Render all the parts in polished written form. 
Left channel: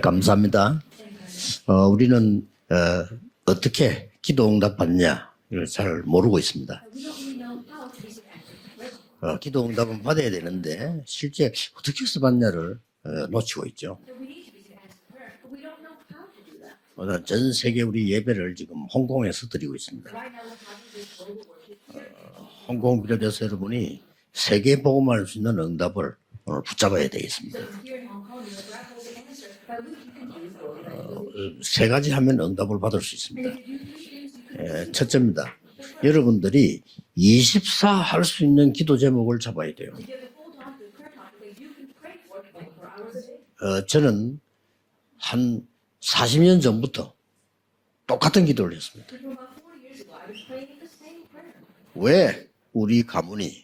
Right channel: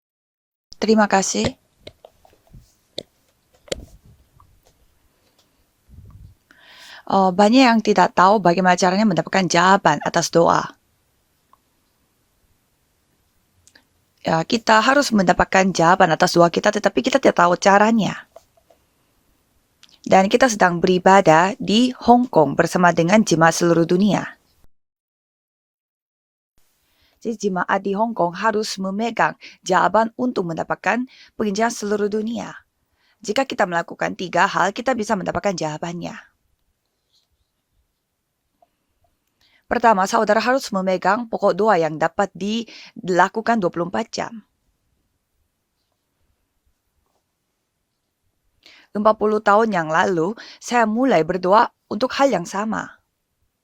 감사합니다. Terima kasih. 우리는 어떻게 기도 응답 받냐 잘 모르고 있습니다. Banyak yang tidak tahu bagaimana caranya mendapatkan 기도 응답 jawaban 받아야 atas doa. 되는데 실제 어떻게 해서 받냐를 놓치고 있죠. Ya, kita harus mendapatkan jawaban atas doa kita, tetapi kita tidak tahu 전 세계 caranya. 예배를 지금 홍콩에서 드리고 있습니다. Dan kita sedang beribadah di Hong Kong bersama 홍콩 dengan 교회 jemaat seluruh 여러분이 dunia. 세계 복음할 수 있는 응답을 오늘 붙잡아야 Jadi 되겠습니다. jemaat di Hong Kong harus memegang jawaban untuk mendapatkan penginjilan 세 seluruh 가지 하면 dunia. 응답을 받을 수 Jika 있습니다. kita melakukan 3 hal, kita bisa 첫째입니다. mendapatkan jawabannya. 여러분들이 24 할 수 있는 기도 제목을 잡아야 돼요. Pertama, saudara harus memegang pokok doa yang dapat dilakukan 24 jam. 저는 한 40년 전부터 똑같은 기도를 했습니다. 40 tahun yang lalu, saya mulai berdoa untuk 왜 hal yang sama. 우리 가문이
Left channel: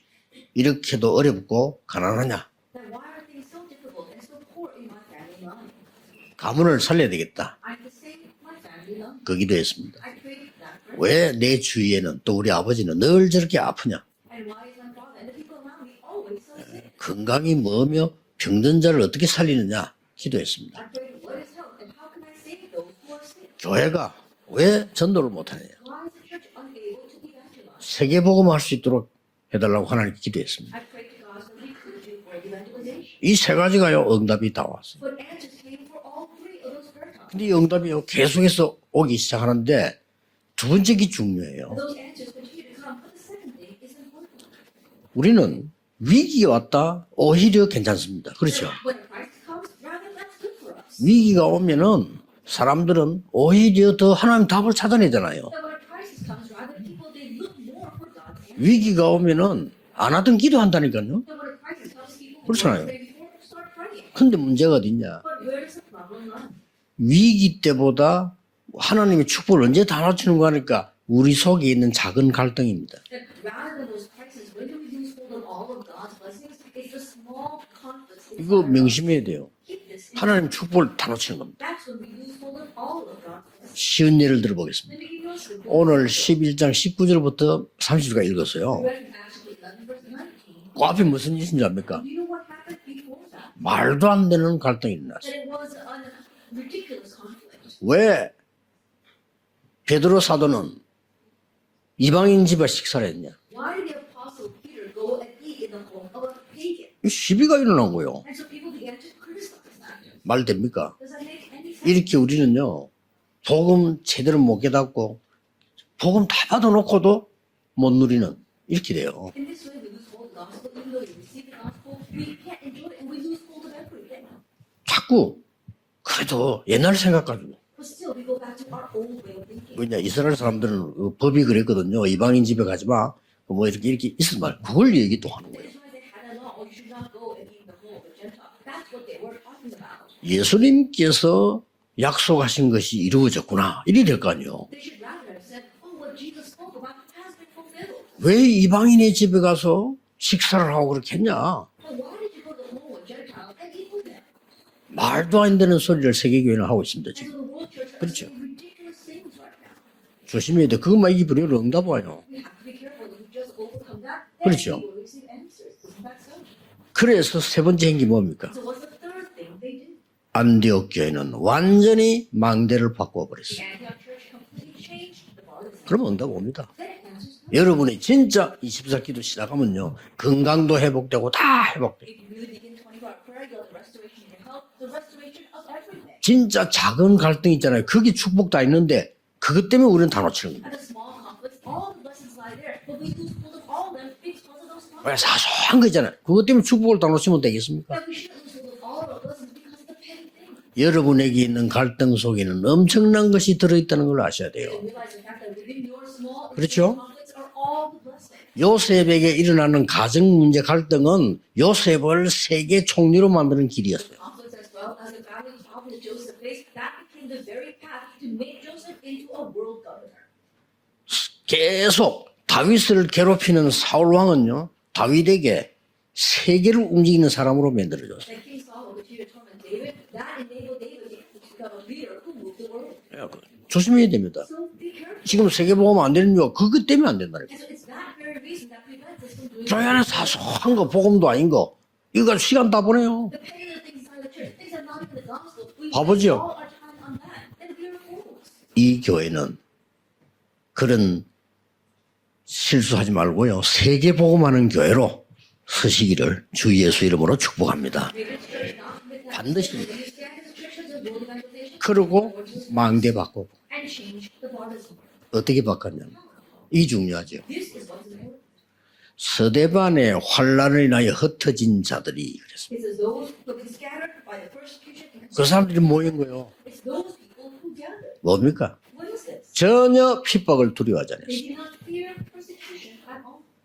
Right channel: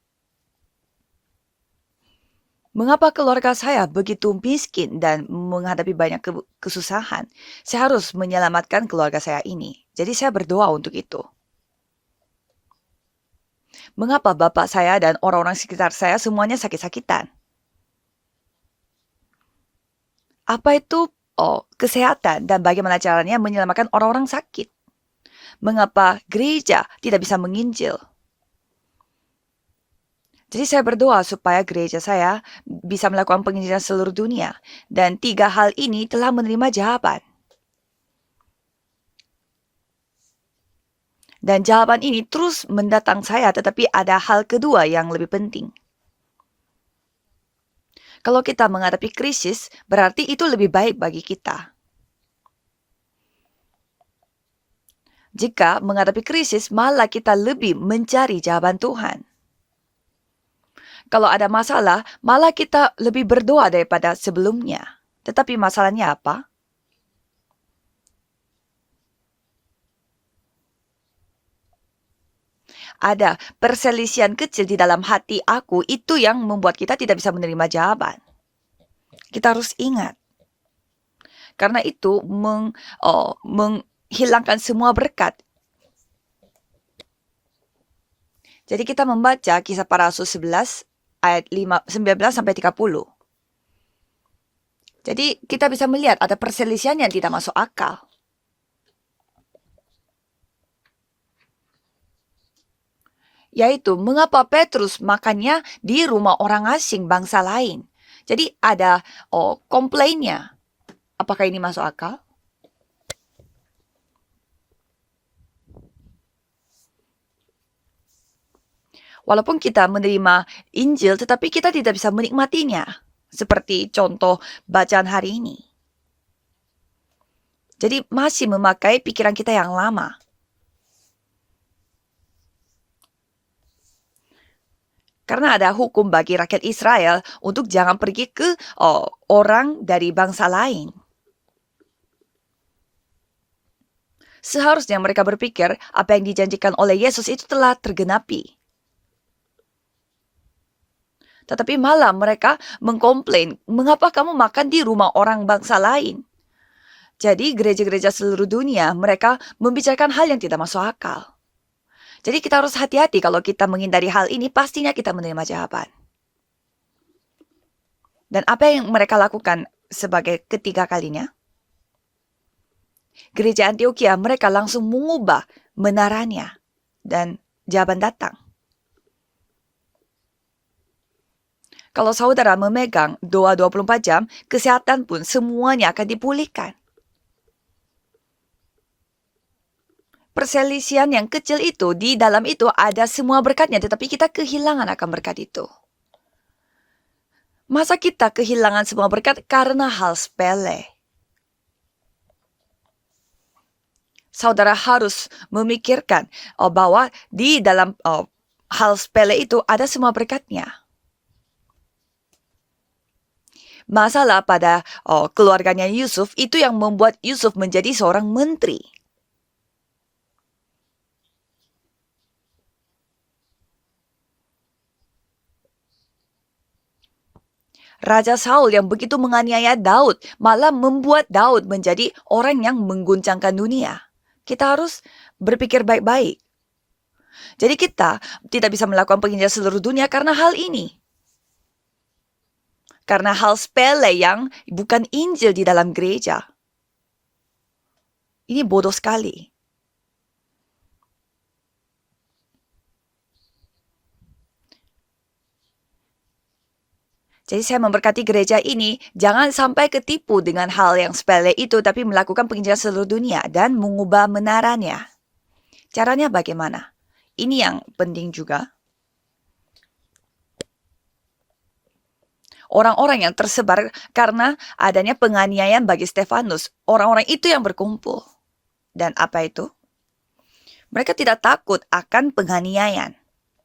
이렇게도 어렵고 가난하냐? Mengapa keluarga saya begitu miskin dan menghadapi banyak 가문을 살려야 kesusahan? 되겠다. Saya harus menyelamatkan keluarga saya ini. 기도했습니다. Jadi saya berdoa untuk itu. 왜 내 주위에는 또 우리 아버지는 늘 저렇게 아프냐? Mengapa bapak saya dan orang-orang sekitar saya semuanya sakit-sakitan? 건강이 뭐며 병든 자를 어떻게 살리느냐? 기도했습니다. Apa itu kesehatan dan bagaimana caranya menyelamatkan 교회가 orang-orang sakit? 왜 전도를 못하냐? Mengapa gereja tidak bisa menginjil? 세계복음할 수 있도록 해달라고 하나님께 Jadi 기도했습니다. saya berdoa supaya gereja saya bisa melakukan 이 세 penginjilan 가지가 seluruh 응답이 dunia. 다 왔어요. Dan 3 hal ini telah menerima jawaban. 근데 이 응답이 계속해서 오기 시작하는데 두 번째 게 중요해요. Dan jawaban ini terus mendatang saya, tetapi ada hal kedua yang lebih penting. 우리는 위기가 왔다 오히려 괜찮습니다. Kalau kita 그렇죠? menghadapi krisis, berarti itu lebih baik bagi 위기가 kita. 오면은 사람들은 오히려 더 하나님 답을 찾아내잖아요. Jika menghadapi krisis, malah kita lebih mencari jawaban 위기가 Tuhan. 오면은 안 하던 기도한다니까요. Kalau ada masalah, malah kita lebih berdoa daripada 근데 문제가 sebelumnya. 어딨냐? Tetapi masalahnya apa? 위기 때보다 하나님의 축복을 언제 다 낮추는 거 하니까 우리 속에 있는 작은 갈등입니다. Ada perselisihan kecil di dalam hati aku, itu yang membuat kita tidak bisa menerima jawaban. 이거 명심해야 돼요. Kita harus ingat. 하나님 축복을 다 놓치는 겁니다. Karena itu 쉬운 예를 menghilangkan 들어보겠습니다. semua berkat. 오늘 11장 19절부터 30절까지 읽었어요. Jadi kita membaca kisah para rasul 11 그 앞에 무슨 ayat 뜻인지 압니까? 19 sampai 30. 말도 안 되는 갈등입니다. Jadi kita bisa melihat ada perselisihan yang tidak masuk akal. 왜 베드로 사도는 이방인 집에 식사를 했냐? Yaitu mengapa Petrus makannya di rumah orang asing bangsa 시비가 lain. 일어난 거예요. Jadi ada komplainnya. 말 됩니까? Apakah ini masuk 이렇게 akal? 우리는요 복음 제대로 못 깨닫고 복음 다 받아놓고도 못 누리는 이렇게 돼요. Walaupun kita menerima Injil, tetapi kita tidak bisa menikmatinya. Seperti contoh bacaan hari ini. 그래도 옛날 생각가지고. Jadi masih memakai pikiran kita yang lama. 이스라엘 사람들은 법이 그랬거든요. 이방인 집에 가지 마. 뭐 이렇게 있을 말. 그걸 얘기 또. Karena ada hukum bagi rakyat Israel untuk jangan pergi ke orang dari bangsa lain. 예수님께서 약속하신 것이 이루어졌구나. 이리 될 거 아니에요. Seharusnya mereka berpikir apa yang dijanjikan oleh Yesus itu telah 왜 tergenapi. 이방인의 집에 가서 식사를 하고 그렇게 했냐? Tetapi malah mereka mengkomplain, mengapa kamu makan di rumah 말도 orang 안 되는 bangsa lain? 소리를 세계교회는 하고 있습니다. 지금. Jadi gereja-gereja seluruh dunia mereka membicarakan hal yang tidak masuk 그것만 akal. 입으로 응답 와요. Jadi kita harus hati-hati kalau kita menghindari hal ini, 그렇죠. pastinya kita menerima jawaban. 그래서 세 번째 행기 뭡니까? Dan apa yang mereka lakukan sebagai ketiga kalinya? 안디옥교회는 완전히 망대를 바꿔버렸어요. Gereja Antioquia mereka langsung mengubah menaranya. Dan jawaban 여러분이 datang. 진짜 24기도 시작하면요 건강도 회복되고 다 회복. Kalau saudara memegang doa 24 jam, kesehatan pun semuanya akan 진짜 dipulihkan. 작은 갈등 있잖아요. 거기 축복 다 있는데 그것 때문에 우리는 다 놓치는 거예요. Perselisihan yang kecil itu, di dalam itu ada semua berkatnya, tetapi kita kehilangan akan berkat itu. 사소한 거 있잖아요. 그것 때문에 축복을 다 놓치면 되겠습니까? Masa kita kehilangan semua berkat karena hal sepele? 여러분에게 있는 갈등 속에는 엄청난 것이 들어있다는 걸 아셔야 돼요. Saudara harus memikirkan 그렇죠? bahwa di dalam hal sepele 요셉에게 itu 일어나는 ada semua 가정 문제 berkatnya. 갈등은 요셉을 세계 총리로 만드는 길이야. Masalah pada keluarganya Yusuf itu yang membuat Yusuf menjadi seorang menteri. 계속 다윗을 괴롭히는 사울 왕은요 다윗에게 세계를 움직이는 사람으로 만들어요. Raja Saul yang begitu menganiaya Daud malah membuat Daud menjadi orang yang mengguncangkan dunia. 조심해야 됩니다. Kita harus 지금 berpikir 세계보험 안 baik-baik. 되는 거 그것 때문에 안 된다. Jadi kita tidak bisa melakukan penginjilan seluruh dunia karena hal 큰 ini. 거 복음도 아닌 거 이거 시간 다 보내요. Karena hal sepele yang bukan Injil di dalam gereja. 바보죠. Ini bodoh 이 sekali. 교회는 그런 실수하지 말고요. 세계 복음하는 교회로 서시기를 주 예수 이름으로 Jadi saya 축복합니다. memberkati gereja ini, jangan sampai ketipu dengan hal yang sepele itu, tapi 그리고 melakukan penginjilan seluruh 만개받고. dunia dan mengubah menaranya. 어떻게 바꿔요? Caranya bagaimana? 이 중요하죠. Ini yang penting juga. 서대반의 환란을 인하여 흩어진 자들이 Orang-orang yang tersebar karena adanya penganiayaan bagi Stefanus. Orang-orang itu yang berkumpul. 뭡니까? Dan apa itu? 전혀 핍박을 두려워하지 Mereka tidak takut akan penganiayaan.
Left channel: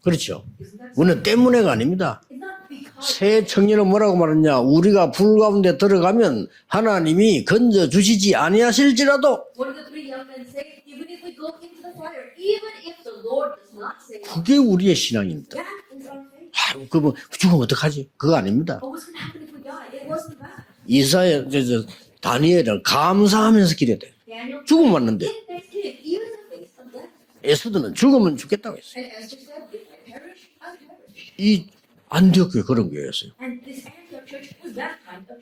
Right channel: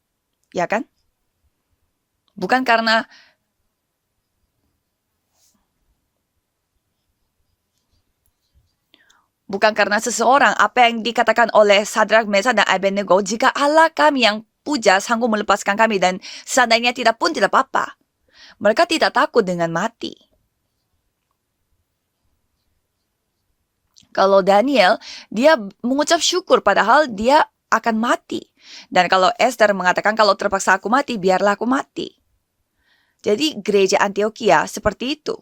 그렇죠. Ya kan? 우리는 때문에가 아닙니다. Bukan karena 새 청년은 뭐라고 말했냐? 우리가 불 가운데 들어가면 하나님이 건져 주시지 아니하실지라도 bukan karena seseorang, apa yang dikatakan oleh Sadrak, Mesak, dan Abednego, jika Allah kami yang 그게 우리의 puja sanggup 신앙이에요. melepaskan kami dan seandainya tidak pun tidak 죽으면 apa-apa. 어떡하지? 그거 아닙니다. Mereka tidak takut dengan mati. 이사야 다니엘은 감사하면서 기도해야 돼. Kalau Daniel, 죽으면 dia mengucap syukur padahal dia 에스더는 akan 죽으면 mati. 죽겠다고 했어요. Dan kalau Esther mengatakan kalau terpaksa aku mati, biarlah aku mati. 안디옥 그런 교회였어요. Jadi gereja Antioquia seperti itu.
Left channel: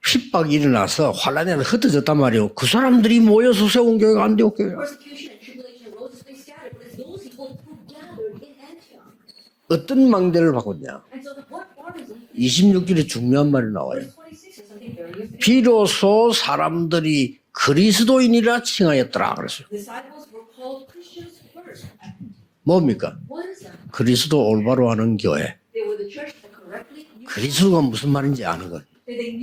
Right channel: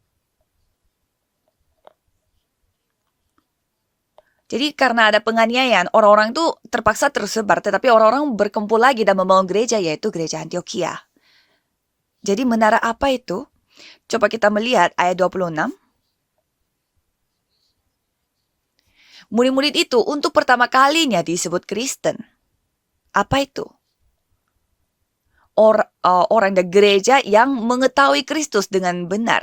핍박이 일어나서 환란에 흩어졌단 말이에요. 그 사람들이 모여서 세운 교회가 안디옥 Jadi 교회야. karena ada penganiayaan, orang-orang itu terpaksa tersebar, tetapi orang-orang berkumpul lagi dan membangun gereja, 어떤 yaitu gereja 망대를 Antioquia. Jadi menara 26절에 apa itu? 중요한 말이 나와요. Coba kita melihat ayat 26. 비로소 사람들이 그리스도인이라 칭하였더라. Murid-murid itu untuk pertama kalinya disebut Kristen. 뭡니까? Apa itu? 그리스도 올바로 하는 교회. Orang dan gereja yang Kristus mengetahui mempersoalkan Kristus dia. dengan benar.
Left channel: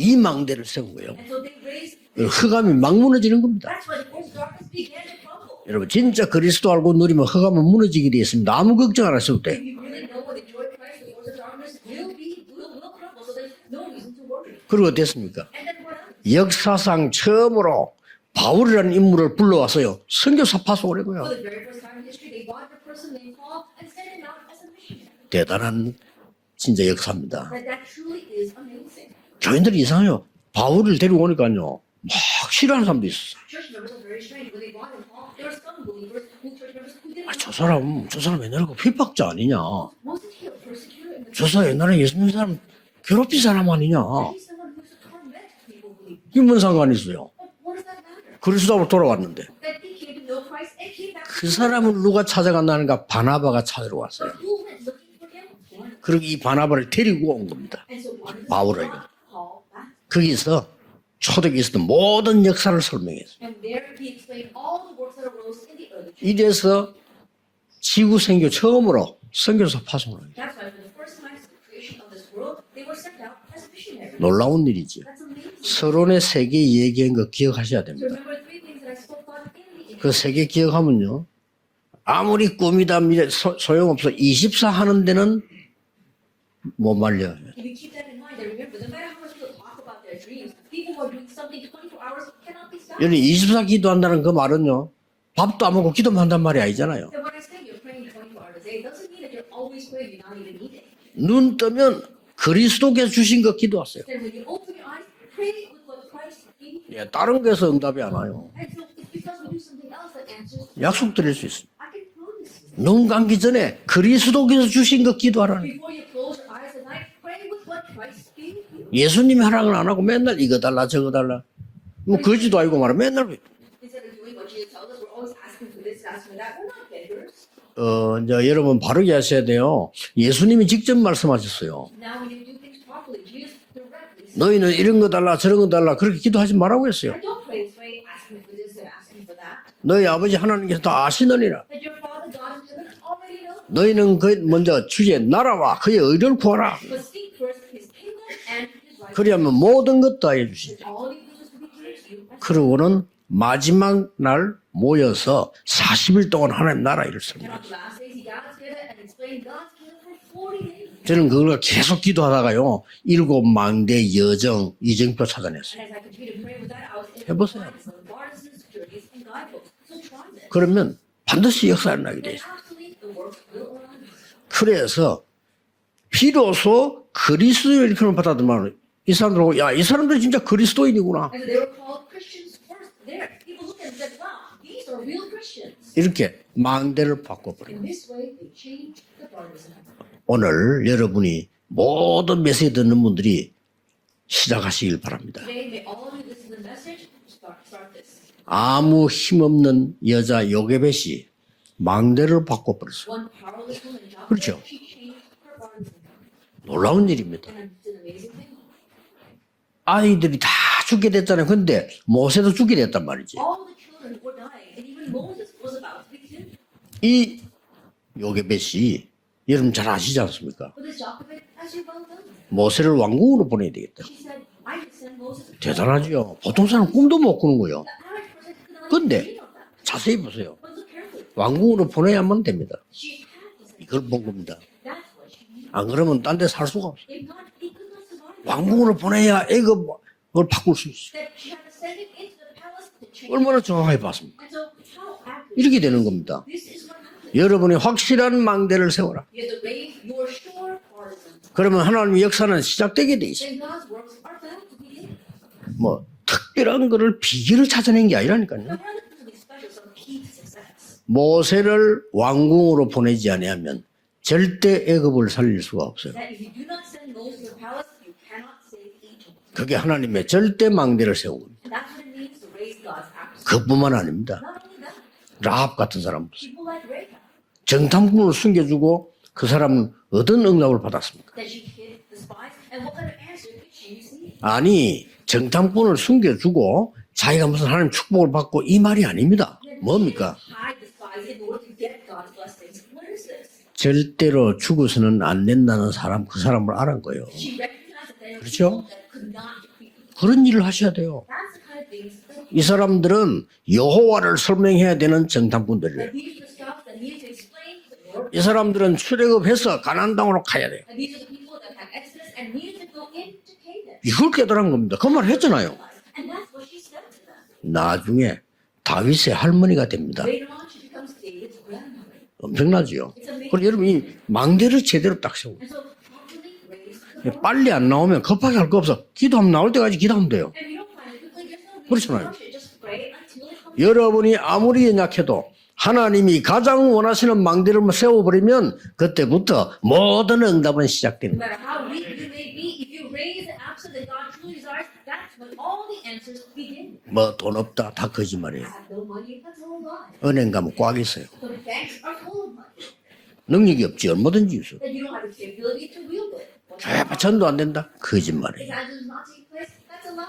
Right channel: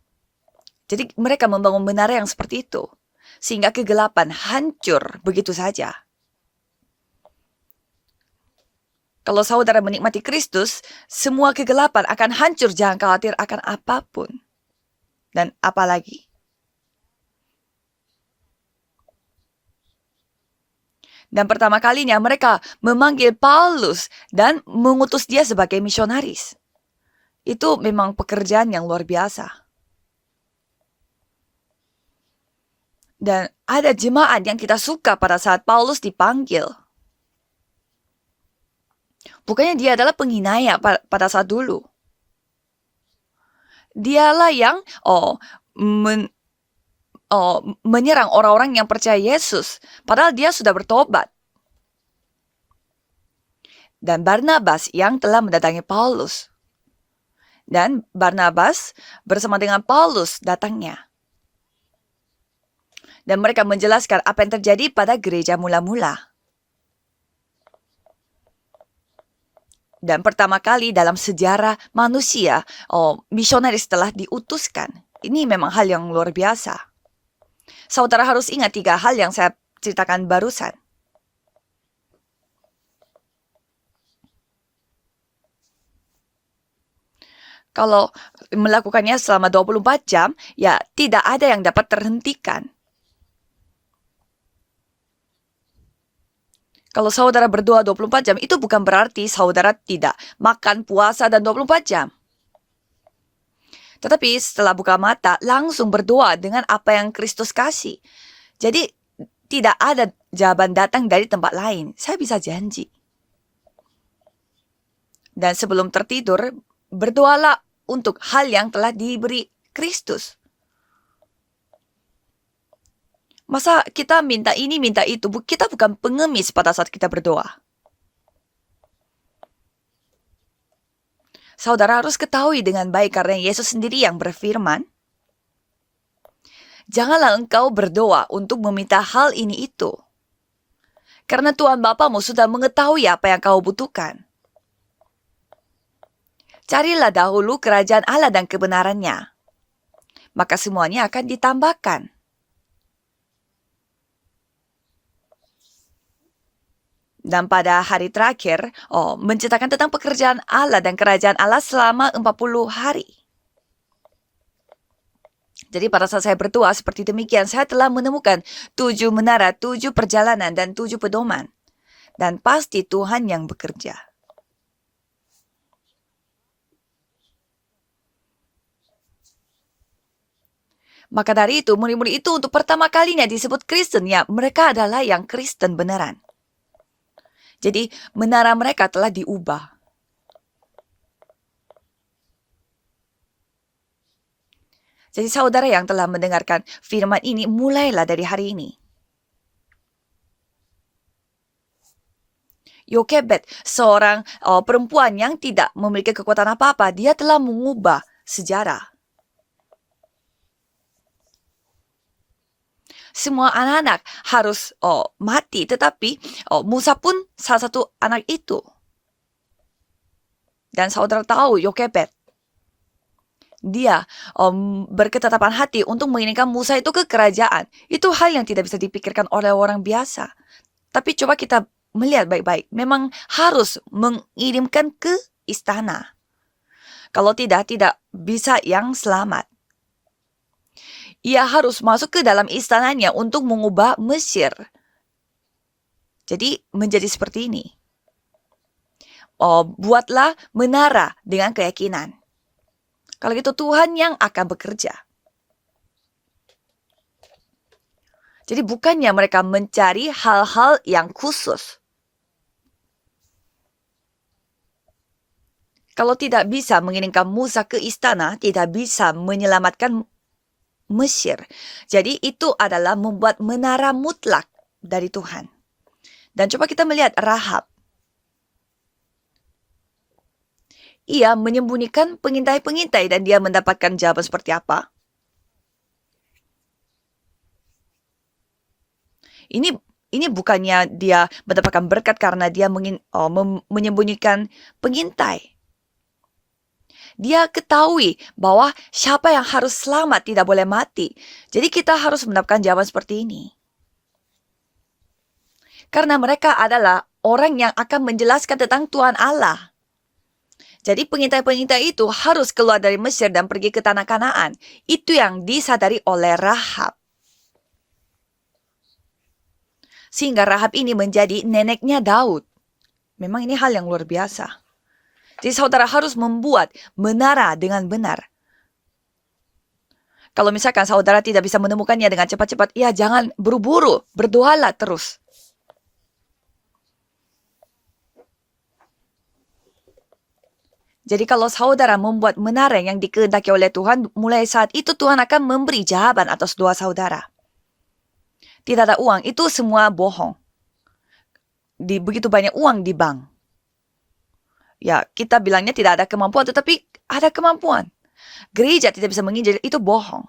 이 망대를 세우고요. Jadi mereka membangun menara yang seperti 흑암이 itu. 막 무너지는 겁니다. Sehingga kegelapan hancur begitu saja. 진짜 그리스도 알고 누리면 흑암은 무너지게 되어 있습니다. 아무 걱정 안 하셔도 Kalau 돼요. saudara menikmati Kristus, semua kegelapan akan hancur. Jangan khawatir akan apapun. 그리고 어땠습니까? Dan apalagi, 역사상 처음으로 바울이라는 인물을 불러와서요. 선교사 파송을 해고요. dan pertama kalinya mereka memanggil Paulus dan mengutus dia Dia sebagai dalam- misionaris. 진짜 역사입니다. Itu memang pekerjaan yang luar biasa. 교인들이 이상해요. 바울을 데리고 오니까요. 막 싫어하는 사람도 있어요. Dan ada jemaat yang kita suka pada saat Paulus dipanggil. 저 사람 옛날에 그 핍박자 아니냐. Bukannya dia adalah penghinaya pada 저 saat 사람 dulu. 옛날에 예수 믿는 사람 괴롭힌 사람 아니냐. Dialah yang 이게 뭔 상관이 있어요. menyerang orang-orang yang Kristus percaya orang. Yesus. Padahal dia sudah bertobat. 그 사람을 누가 찾아간다는가? 바나바가 찾으러 Dan 왔어요. Barnabas yang telah mendatangi 그리고 이 Paulus. 바나바를 데리고 온 겁니다. Dan Barnabas bersama dengan Paulus 거기서 datangnya. 초대교회 있었던 모든 역사를 설명해요. Dan mereka menjelaskan apa yang terjadi pada gereja mula-mula. 이래서 지구 생교 처음으로 선교사 파송. Dan pertama kali dalam sejarah manusia, misionaris telah 놀라운 diutuskan. 일이지. Ini memang hal yang 서론의 luar 세계 biasa. 얘기한 거 기억하셔야 돼요. Saudara harus ingat 3 hal yang saya 그 ceritakan 세계 barusan. 기억하면요. 아무리 꿈이다 미래 소용없어. 24 하는 데는 못 말려. Kalau melakukannya selama 24 jam, ya tidak ada yang dapat terhentikan. 여기 24 기도한다는 그 말은요. 밥도 안 먹고 기도만 한단 말이 아니잖아요. Kalau saudara berdoa 24 jam, itu bukan berarti saudara tidak makan puasa dan 눈 24 jam. 뜨면 그리스도께서 주신 거 기도하세요. Tetapi setelah buka mata, langsung berdoa dengan apa yang 다른 Kristus 데서 kasih. 응답이 안 와요. Jadi tidak ada jawaban datang 약속 dari 드릴 tempat 수 있어요. lain. Saya bisa janji. 눈 감기 전에 그리스도께서 주신 거 Dan 기도하라. sebelum tertidur, berdoalah untuk hal yang telah diberi 예수님 하라는 안 하고 Kristus. 맨날 이거 달라 저거 달라. 뭐 거지도 아니고 말아 맨날 Masa kita minta ini, minta itu? Kita bukan pengemis pada saat kita berdoa. 이제 여러분 바르게 하셔야 돼요. 예수님이 직접 말씀하셨어요. Saudara harus ketahui dengan baik karena Yesus sendiri yang 너희는 berfirman. 이런 거 달라 저런 거 달라 그렇게 기도하지 말라고 했어요. Janganlah engkau berdoa untuk meminta hal ini itu. 너희 아버지 하나님께서 다 Karena 아시느니라. Tuhan Bapamu sudah mengetahui apa yang kau butuhkan. 너희는 그 먼저 주의 나라와 그의 의를 구하라. Carilah dahulu kerajaan Allah dan kebenarannya. 그리하면 모든 것도 Maka semuanya akan ditambahkan. 그러고는 마지막 날 모여서 40일 동안 하나님 나라 일을 Dan pada hari terakhir, menceritakan tentang pekerjaan Allah dan kerajaan 저는 Allah 그걸 계속 selama 40 기도하다가요. hari. 7망대 여정 이정표 찾아냈어요. Jadi pada saat saya berdoa seperti demikian, saya telah menemukan 7 menara, 7 perjalanan, dan 그러면 7 pedoman. 반드시 역사를 나게 Dan 돼요. pasti Tuhan yang bekerja. 그래서 비로소 그리스도인을 받아들면 이 사람들하고 이 사람들 진짜 그리스도인이구나. Maka dari itu, murid-murid itu untuk pertama kalinya disebut Kristen. Ya, mereka adalah yang Kristen beneran. 이렇게 망대를 바꿨고 Jadi menara mereka telah diubah. 오늘 여러분이 모든 메시지 듣는 분들이 시작하시길 바랍니다. Jadi saudara yang telah mendengarkan firman ini, mulailah dari hari ini. 아무 힘없는 여자 요게벳이 망대를 바꿔버렸어요. Yokebed, seorang perempuan yang tidak memiliki kekuatan apa-apa, Orang dia ini telah betul. mengubah sejarah. 아이들이 다 죽게 됐잖아요. 근데 모세도 죽게 됐단 말이죠. Semua anak-anak harus mati, tetapi Musa pun 이 salah satu anak itu. 요게벳이 여러분 잘 아시지 않습니까? Dan saudara tahu Yokebed, 모세를 왕궁으로 보내야 돼요. dia berketetapan hati 대단하죠. untuk menginginkan 어떤 Musa 사람 itu ke 꿈도 못 kerajaan. 꾸는 거예요. Itu hal yang tidak bisa dipikirkan 근데 oleh orang 자세히 biasa. 보세요. Tapi coba kita 왕궁으로 보내야만 melihat baik-baik. 됩니다. Memang harus 그걸 보고 mengirimkan ke 안 istana. 그러면 딴 데 살 수가 없어요. Kalau tidak bisa yang 왕궁으로 보내야 selamat. 애굽을 바꿀 수 있어요. Ia harus masuk ke dalam istananya untuk 얼마나 mengubah 좋아요, Mesir. 이렇게 되는 겁니다. Jadi menjadi seperti ini. 여러분이 확실한 망대를 세워라. Buatlah menara dengan 그러면 keyakinan. 하나님의 역사는 시작되게 돼 Kalau 있어요. gitu Tuhan yang akan bekerja. 뭐 특별한 거를 비결을 찾아낸 게 Jadi 아니라니까요. bukannya mereka mencari hal-hal yang khusus. 모세를 왕궁으로 보내지 아니하면 절대 애굽을 살릴 수가 없어요. Kalau tidak bisa mengirimkan Musa ke istana, tidak bisa 그게 menyelamatkan 하나님의 절대 망대를 Mesir. 세워요. Jadi itu adalah membuat menara mutlak dari Tuhan. 라합 같은 사람 Dan coba kita melihat Rahab. 정탐꾼을 숨겨주고 그 사람은 어떤 응답을 받았어요? Ia menyembunyikan pengintai-pengintai dan dia mendapatkan jawaban seperti apa? 아니 정탐꾼을 숨겨주고 자기가 무슨 하나님 축복을 받고 이 말이 아닙니다. Ini 뭡니까? bukannya dia mendapatkan berkat karena dia menyembunyikan 절대로 죽어서는 pengintai. 안 된다는 사람 그 사람을 알은 거예요. Dia ketahui bahwa siapa yang harus selamat 그런 tidak boleh 일을 하셔야 mati. 돼요. Jadi kita harus mendapatkan 이 jawaban seperti 사람들은 ini. 여호와를 설명해야 되는 정탐꾼들이에요. Karena mereka adalah orang yang akan 이 menjelaskan tentang 사람들은 Tuhan Allah. 출애굽해서 가나안 땅으로 가야 돼. Jadi pengintai-pengintai itu harus keluar dari Mesir dan pergi ke tanah 이렇게 Kanaan. 하더란 겁니다. Itu 그만 yang 했잖아요. disadari oleh Rahab. 나중에 다윗의 할머니가 됩니다. Sehingga Rahab ini menjadi neneknya Daud. 엄청나죠. Memang ini hal yang luar 그러니 biasa. 망대를 제대로 딱 Jadi 세워. saudara harus membuat menara 빨리 dengan 안 benar. 나오면 급하게 할 거 없어. 기도하면 나올 때까지 기도하면 돼. Kalau misalkan saudara tidak bisa menemukannya Terus, dengan cepat-cepat, ya jangan buru-buru, 여러분이 berdoalah 아무리 terus. 약해도 하나님이 가장 원하시는 망대를 세워버리면 그때부터 모든 응답은 Jadi 시작됩니다. kalau saudara membuat menara yang dikehendaki oleh Tuhan, mulai saat itu Tuhan akan memberi jawaban atas doa saudara. 뭐 돈 없다 다 거짓말이에요. Tidak ada uang, itu semua bohong. 은행 가면 꽉 있어요. Begitu banyak uang di bank. 능력이 없지 얼마든지 있어요. Ya, kita bilangnya tidak ada kemampuan, tetapi ada 전도 안 kemampuan. 된다. 거짓말. Gereja tidak bisa menginjil, itu bohong.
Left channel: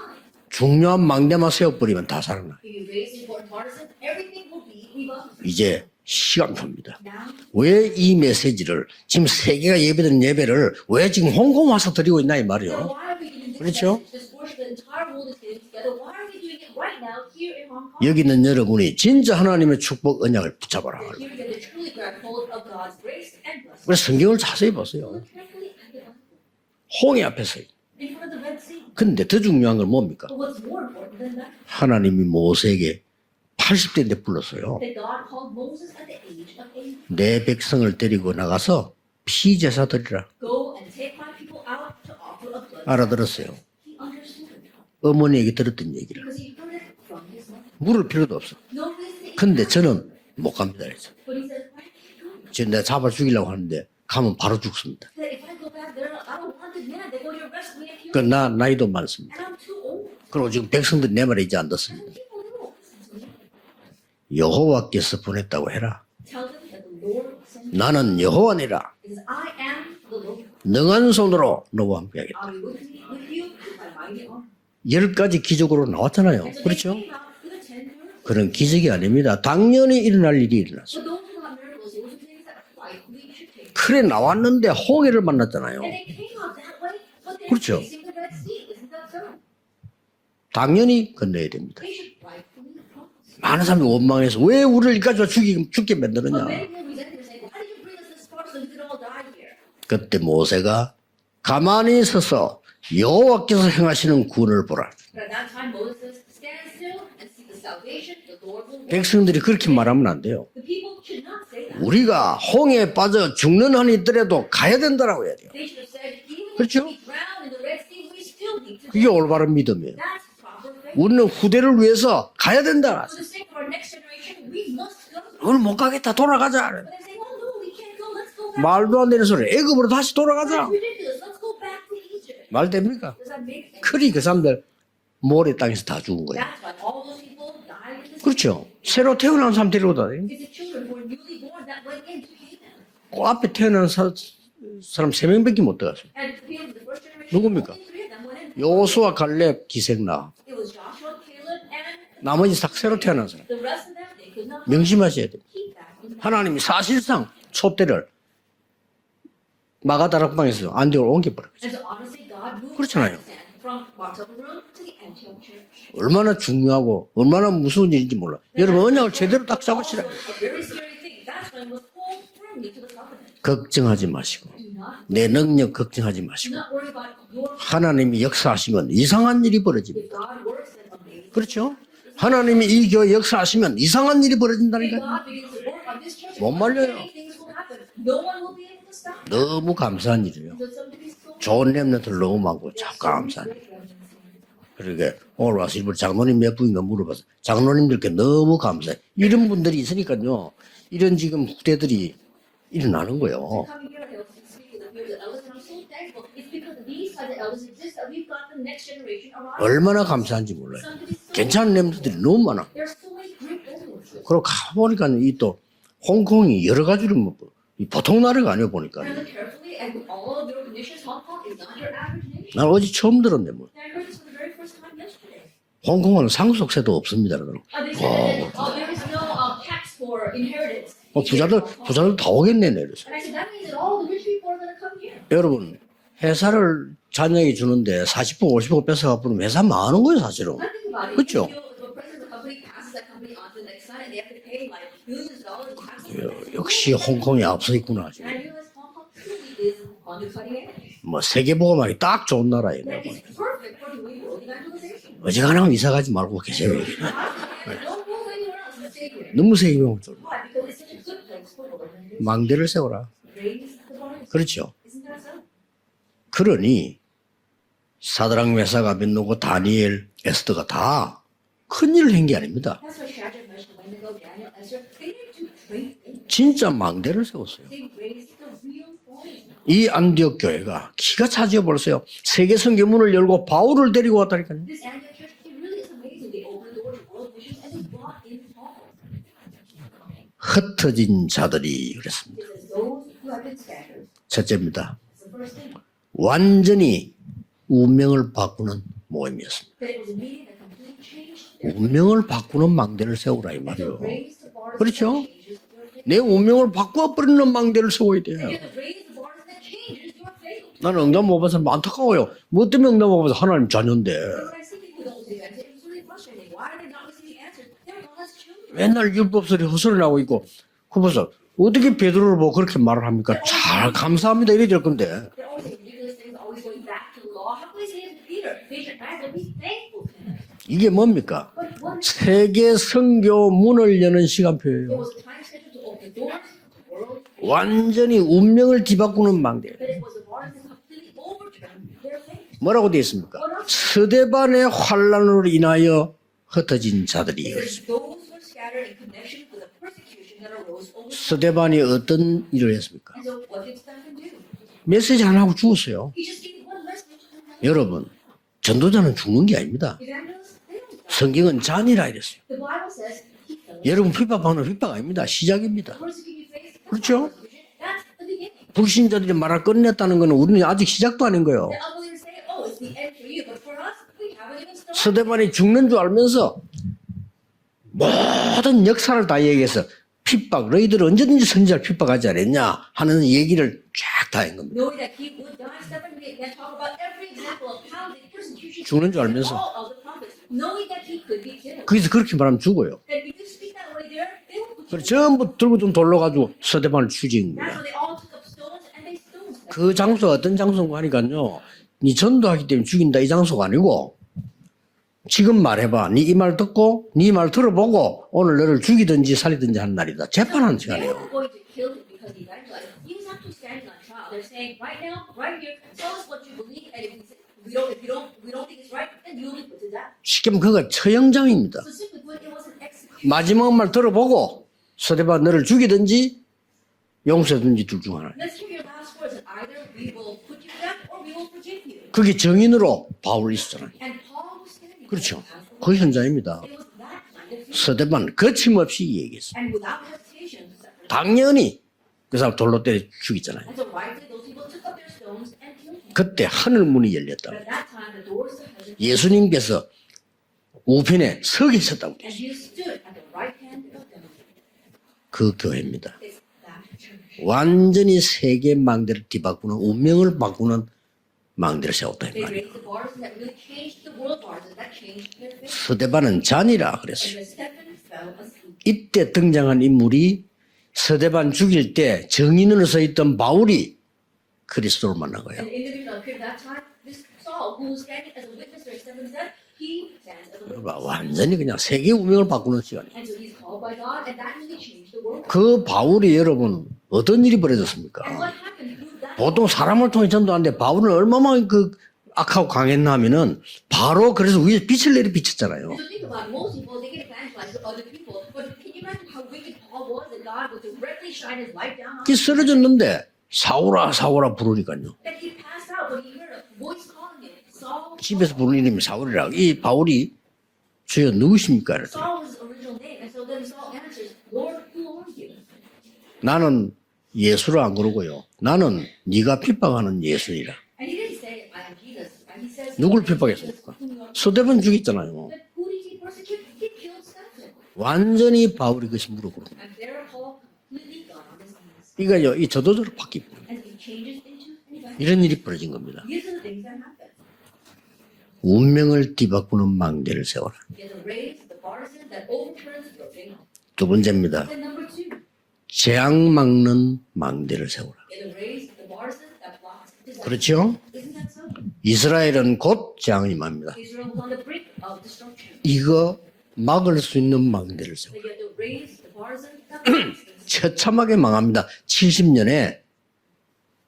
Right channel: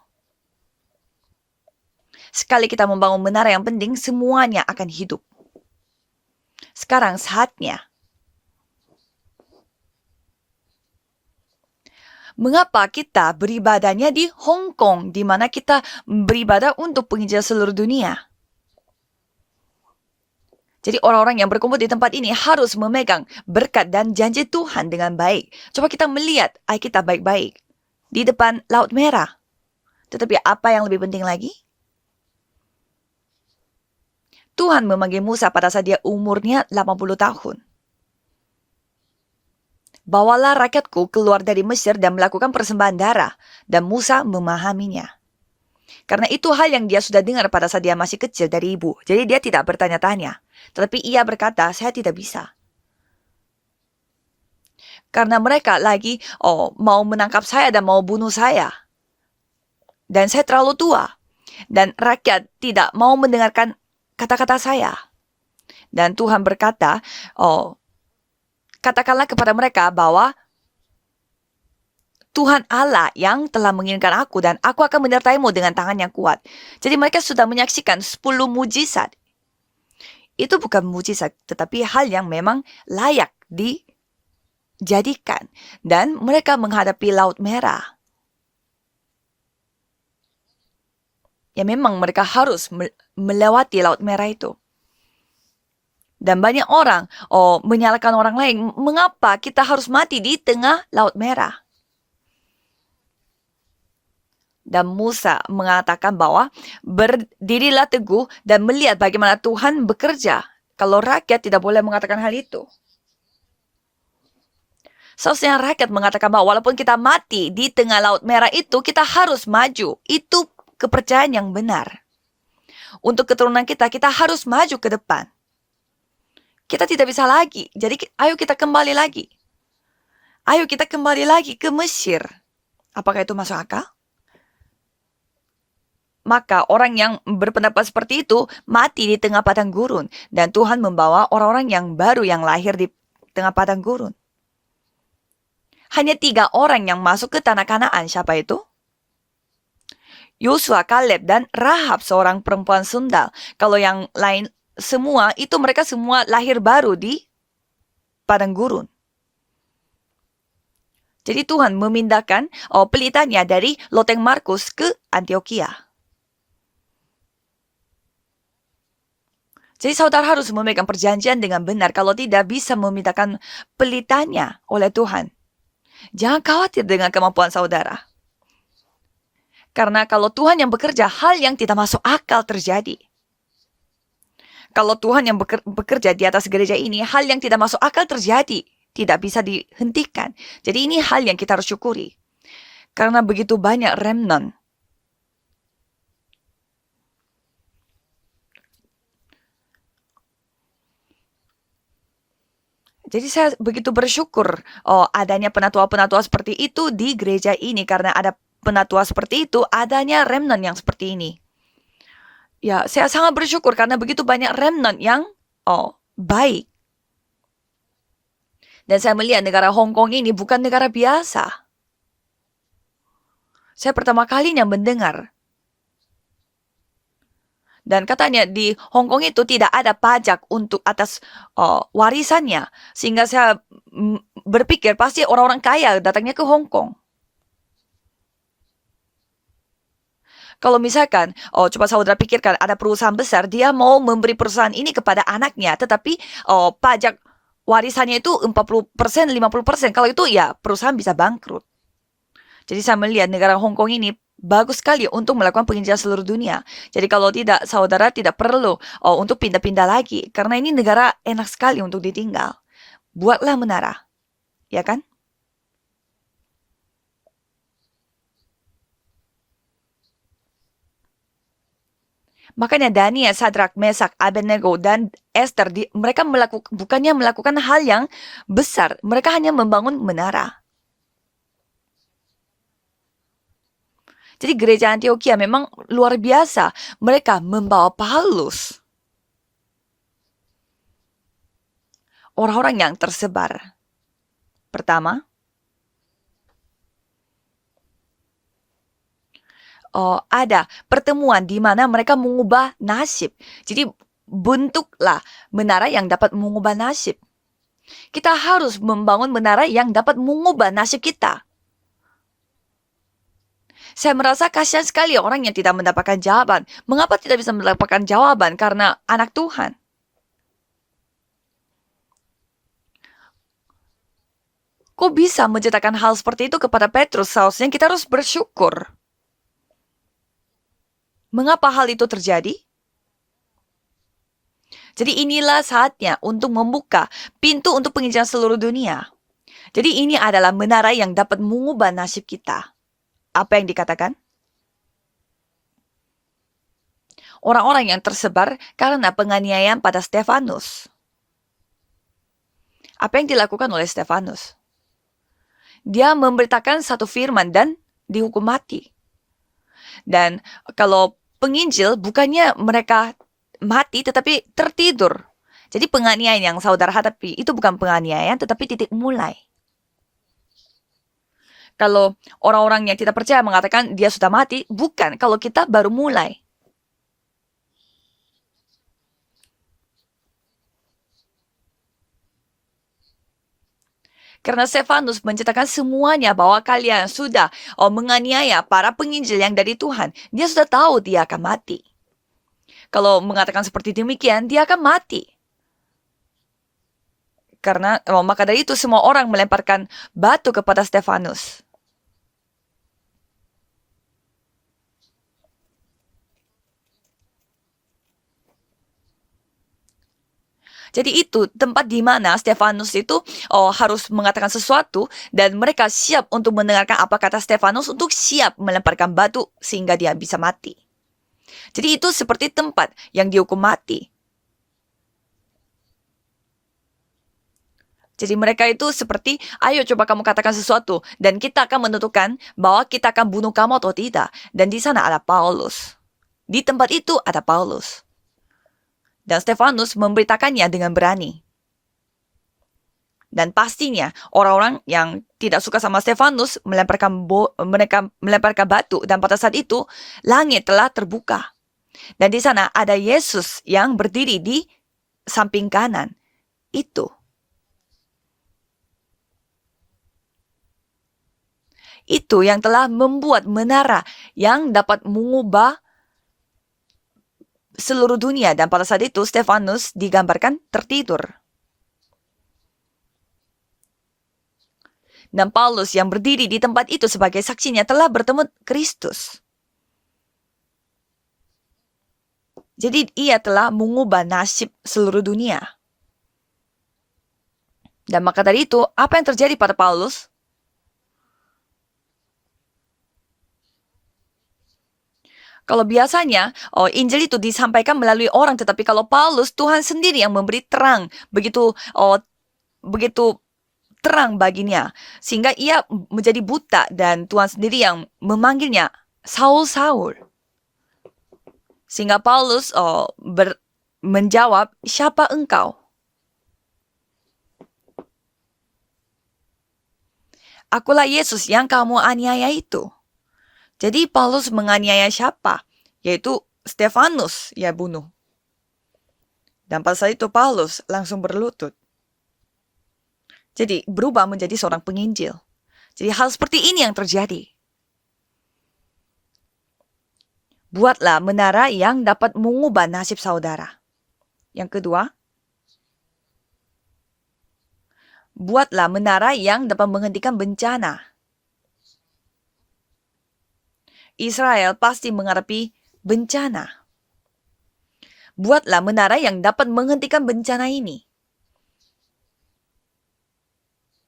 중요한 망대만 세워버리면 다 사는 거예요. Sekali kita membangun menara yang penting, semuanya akan hidup. 이제 시간입니다. Sekarang saatnya. 왜 이 메시지를 지금 세계가 예배드린 예배를 왜 지금 홍콩 와서 드리고 있나 이 Mengapa 말이에요. kita beribadahnya di Hong Kong, di mana kita beribadah untuk penginjil seluruh dunia? 여기 있는 여러분이 진짜 하나님의 축복 언약을 붙잡아요. Jadi orang-orang yang berkumpul di tempat ini harus memegang berkat dan janji Tuhan dengan baik. Coba kita melihat Alkitab 홍해 baik-baik. 앞에서. Di depan Laut 근데 Merah. 더 중요한 건 뭡니까? Tetapi apa yang lebih penting lagi? 하나님이 모세에게 80대인데 불렀어요. Tuhan memanggil Musa pada saat dia umurnya 80 내 tahun. 백성을 데리고 나가서 피제사 드리라. Bawalah rakyatku keluar dari Mesir dan melakukan persembahan darah. 알아들었어요. Dan Musa memahaminya. 어머니에게 들었던 얘기. Karena itu hal yang dia sudah dengar pada saat dia Belum masih 들어도 kecil dari ibu. Jadi dia 근데 tidak 저는 bertanya-tanya. 못 갑니다. Tetapi ia berkata, saya tidak bisa. 지금 내가 잡아 죽이려고 하는데 가면 바로 죽습니다. Karena mereka lagi mau menangkap saya dan mau bunuh saya. 나이도 많습니다. Dan saya terlalu tua. 백성들 내 말을 이제 안 Dan 듣습니다. rakyat tidak mau mendengarkan kata-kata saya. 여호와께서 보냈다고 해라. Dan Tuhan berkata, 나는 여호와니라. katakanlah kepada mereka bahwa 능한 손으로 너와 함께하겠다. Tuhan Allah yang telah menginginkan aku dan aku akan 열 가지 menyertaimu dengan 기적으로 tangan yang kuat. 나왔잖아요. 그렇죠? Jadi mereka sudah menyaksikan 10 그건 기적이 mujizat. 아닙니다. 당연히 일어날 일이 Itu bukan mujizat, tetapi hal yang memang layak 틀에 나왔는데 홍해를 dijadikan. 만났잖아요. Dan mereka menghadapi Laut Merah. 당연히 건너야 돼요. Ya memang mereka harus 다른 melewati 사람 Laut Merah 원망해서 itu. 왜 우리를 여기까지 죽게 만드느냐. Dan banyak orang menyalahkan orang lain. Mengapa kita harus mati di 모세가 tengah Laut Merah? 가만히 서서 여호와께서 행하시는 구원을 보라. Dan Musa mengatakan bahwa berdirilah teguh dan melihat bagaimana 백성들이 그렇게 Tuhan 말하면 bekerja. Kalau rakyat tidak boleh mengatakan hal 우리가 itu. 홍해에 빠져 죽는 한이 있더라도 가야 된다라고. Seharusnya rakyat mengatakan bahwa walaupun 그렇죠? kita mati di tengah Laut Merah itu, kita 이게 harus 올바른 maju. Itu kepercayaan 우리 yang 후대를 benar. 위해서 가야 된다. Untuk keturunan kita harus maju ke depan. 오늘 못 가겠다. 돌아가자. Kita tidak bisa lagi. Jadi ayo kita kembali 말도 안 되는 lagi. 소리. 애굽으로 다시 돌아가자. Ayo kita kembali lagi ke Mesir. 말 됩니까? Apakah itu masuk akal? 그리 그 사람들 모래 땅에서 다 죽은 거야. Maka orang yang berpendapat seperti itu Kecil. mati 새로 di tengah 태어난 padang 사람 gurun. 데려가요. Dan Tuhan membawa orang-orang yang baru yang lahir di 그 앞에 tengah padang 태어난 gurun. 사람 3명밖에 못 들어가. Hanya 3 orang yang masuk ke tanah Kanaan. Siapa itu? 요수와 갈렙 기생나. Yosua, Kaleb, dan Rahab, seorang Namun perempuan 새로 sundal. Kalau yang lain semua, itu mereka semua lahir 하나님 baru di 사실상 촛대를 padang gurun. 마가다락방에서 안디올 옮겨. Jadi Tuhan memindahkan pelitanya dari Loteng Markus ke Antioquia. 얼마나 중요하고 얼마나 무서운 일인지 몰라. 여러분 언약을 제대로 딱 잡고 Jadi saudara harus memegang perjanjian dengan benar. Kalau tidak bisa memindahkan 걱정하지 pelitanya oleh 내 Tuhan. 능력 걱정하지 Jangan 마시고 khawatir dengan kemampuan saudara. 하나님이 역사하시면 이상한 일이 벌어진다. Karena kalau Tuhan yang bekerja, hal yang 그렇죠? tidak masuk akal 하나님이 이 terjadi. 교회 역사하시면 이상한 일이 벌어진다. Kalau Tuhan yang bekerja di atas gereja ini, hal yang tidak masuk akal terjadi. Tidak bisa 너무 dihentikan. 감사하지. Jadi ini hal yang kita harus 좋은 syukuri. 렘넌트를 너무 많고 참 Karena 감사해요. begitu banyak remnant. 그러게 오늘 와서 일부 장로님 몇 분인가 물어봐서 장로님들께 너무 감사해. 이런 분들이 있으니까요. 이런 지금 후대들이 일어나는 Jadi saya 거예요. begitu bersyukur adanya penatua-penatua seperti itu di gereja ini. Karena ada penatua seperti itu, 얼마나 adanya 감사한지 remnant 몰라요. yang seperti ini. 괜찮은 렘넌트들이 너무 많아. Ya, saya sangat bersyukur karena begitu banyak remnant yang 또 baik. 홍콩이 여러 가지로 뭐 보통 나라가 아니야 보니까. Dan saya melihat negara Hong Kong ini bukan negara biasa. 난 어제 처음 들었네 뭐. Saya pertama kalinya mendengar. 홍콩은 상속세도 없습니다. 그럼. Dan katanya di Hong Kong itu tidak ada pajak untuk atas 부자들 warisannya. 오겠네. Sehingga saya berpikir pasti orang-orang kaya datangnya ke Hong 회사를 Kong. 자녀에게 주는데 40% 50% 뺏어가 버리면 회사 망하는 거예요 사실은. Kalau misalkan, Kecil. coba saudara pikirkan ada perusahaan besar, dia mau memberi perusahaan ini kepada anaknya, tetapi 역시 pajak 홍콩이 앞서 있구나. warisannya itu 40%, 50%. Kalau itu ya perusahaan bisa 뭐 bangkrut. 세계보고망이 딱 좋은 나라예요. Jadi saya melihat negara Hong Kong ini bagus sekali untuk melakukan Jangan penelitian bisa seluruh lagi dunia. mabuk. Jadi kalau tidak, saudara tidak perlu untuk Nunggu pindah-pindah saya. lagi. Karena ini negara enak sekali untuk ditinggal. 망대를 세워라. Buatlah menara, 그렇죠. ya kan? 그러니 사드락 메삭 아벤노고 다니엘 에스더가 다 큰일을 한 게 아닙니다. Makanya Daniel, Sadrak, Mesak, Abednego, dan Esther, mereka bukannya melakukan hal yang besar. Mereka hanya 이 membangun 안디옥 menara. 교회가 기가 차지어 벌써요. 세계 성교문을 열고 바울을 데리고 왔다니까. Jadi gereja Antioquia memang luar biasa. Mereka membawa Paulus. 흩어진 자들이 그랬습니다. Orang-orang yang tersebar. 첫째입니다. Pertama, 완전히 운명을 바꾸는 모임이었습니다. ada pertemuan di mana mereka 운명을 mengubah 바꾸는 망대를 nasib. 세우라 이 Jadi 말이에요. bentuklah menara yang 내 dapat 운명을 mengubah nasib. 바꿔버리는 망대를 세우고 Kita harus membangun menara yang dapat mengubah nasib 나는 kita. 응답 못 받아서 안타까워요. 뭐 때문에 응답 못 받아서 하나님 자녀인데. Saya merasa kasihan sekali orang yang tidak mendapatkan jawaban. Mengapa tidak bisa mendapatkan jawaban? Karena 맨날 anak 율법서리 Tuhan. 후설을 나오고 있고 그 보세요. 어떻게 베드로를 보고 그렇게 말을 합니까? 잘 감사합니다 이래 될 건데. Kok bisa menciptakan hal seperti itu kepada Petrus? Seharusnya kita harus bersyukur. 이게 뭡니까? Mengapa hal itu terjadi? 세계 선교 문을 여는 시간표예요. Jadi inilah saatnya untuk membuka pintu untuk 완전히 penginjilan seluruh 운명을 dunia. 뒤바꾸는 망대. Jadi ini adalah menara yang dapat mengubah nasib kita. 뭐라고 되어 있습니까? Apa yang dikatakan? 스데반의 환란으로 인하여 흩어진 자들이. Orang-orang yang tersebar karena penganiayaan pada Stefanus. 스데반이 어떤 일을 했습니까? Apa yang dilakukan oleh Stefanus? 메시지 안 하고 죽었어요. Dia memberitakan satu firman dan 여러분, dihukum mati. 전도자는 죽는 게 아닙니다. Dan kalau 성경은 penginjil 잠이라 bukannya mereka mati 여러분, tetapi 핍박은 tertidur. 핍박입니다. 시작입니다. Jadi penganiayaan yang saudara hadapi itu bukan penganiayaan tetapi titik mulai. 불신자들 말을 끝냈다는 거는 우리는 아직 시작도 아닌 거예요. Kalau orang-orang yang tidak percaya mengatakan dia sudah mati, bukan. Kalau 스데반이 kita 죽는 baru 줄 mulai. 알면서 모든 역사를 다 얘기해서 핍박, 너희들 언제든지 선지자를 핍박하지 않았냐 하는 얘기를 쫙 다 Karena Stefanus menceritakan semuanya bahwa kalian sudah menganiaya para penginjil yang dari Tuhan. Dia sudah tahu dia akan mati. 거기서 그렇게 말하면 죽어요. Kalau mengatakan seperti demikian, dia akan mati. 전부 들고 좀 돌려가지고 스데반을 죽인 거예요. Karena maka dari itu semua orang melemparkan 그 장소가 batu 어떤 kepada 장소가 Stefanus. 아니니까요. 네 전도하기 때문에 죽인다 이 장소가 아니고 지금 말해봐. 네 이 말 듣고 네 말 들어보고 오늘 너를 죽이든지 살리든지 하는 날이다. 재판하는 시간. Jadi itu tempat di mana Stefanus itu harus mengatakan sesuatu dan mereka siap untuk mendengarkan apa kata Stefanus untuk siap melemparkan batu sehingga dia bisa 지금 mati. 그가 처형장입니다. Jadi itu seperti tempat yang dihukum 마지막 말 mati. 들어보고 스데반 너를 죽이든지 용서든지 둘 중 하나. Jadi mereka itu seperti, ayo coba kamu katakan sesuatu dan kita akan menentukan 그게 정인으로 bahwa kita akan bunuh 바울이 kamu atau tidak. Dan di sana ada Paulus. 그 현장입니다. Di tempat itu ada Paulus. 스데반 거침없이 얘기. Dan Stefanus memberitakannya dengan berani. 당연히 그 사람 돌로 때려 Dan 죽이잖아. pastinya orang-orang yang tidak suka sama Stefanus 그때 하늘 mereka melemparkan batu. Dan pada saat itu langit telah 우편에 terbuka. 서 계셨다고. Dan di sana ada Yesus yang berdiri di samping kanan. Itu. 완전히 세계 망대를 뒤바꾸는 운명을 바꾸는 망대를 세웠다. Itu yang telah membuat menara yang dapat mengubah 스데반은 잔이라 그랬어요. seluruh dunia. Dan pada saat itu 이때 Stefanus 등장한 인물이 digambarkan tertidur. 스데반 죽일 때 정인으로 서 있던 바울이 그리스도를 만난 Dan 거예요. Paulus yang berdiri di tempat itu sebagai saksinya telah bertemu Kristus. 완전히 그냥 세계 운명을 바꾸는 Jadi ia telah mengubah nasib seluruh dunia. 그 바울이 여러분 어떤 일이 벌어졌습니까? Dan maka dari itu, apa yang terjadi 보통 pada 사람을 Paulus? 통해 전도하는데 바울은 얼마나 그 악하고 강했나 하면은 바로 그래서 위에 빛을 내리 비쳤잖아요. Kalau biasanya Injil itu disampaikan melalui orang, tetapi kalau Paulus Tuhan sendiri yang memberi terang, begitu 쓰러졌는데 begitu 사울아 terang 사울아 baginya, 부르니까요. sehingga ia menjadi buta dan Tuhan sendiri yang 집에서 memanggilnya 부르님 사울이라. Saul 이 Saul. 바울이 주여 누구십니까? Sehingga Paulus menjawab, siapa engkau? 나는 예수를 안 그러고요. 나는 네가 핍박하는 예수이라. Akulah Yesus yang kamu aniaya itu. 누굴 핍박했습니까? Jadi Paulus Sudah menganiaya menunjukkan siapa? Yaitu Stefanus ya bunuh. 완전히 바울이 그것이 무릎으로. Dan pada saat itu Paulus langsung berlutut. 이거요, 이 저도저로 바뀝니다. Jadi berubah menjadi seorang penginjil. 이런 일이 벌어진 겁니다. Jadi hal seperti ini yang terjadi. 운명을 뒤바꾸는 망대를 세워라. Buatlah menara yang dapat mengubah nasib saudara. 두 번째입니다. Yang kedua, 재앙 막는 망대를 세워라. buatlah menara yang dapat menghentikan bencana. 이스라엘은 곧 재앙이 임합니다. Israel pasti menghadapi 이거 bencana. 막을 수 있는 망대를 세워라. Buatlah menara yang dapat menghentikan bencana ini. 처참하게 망합니다. 70년에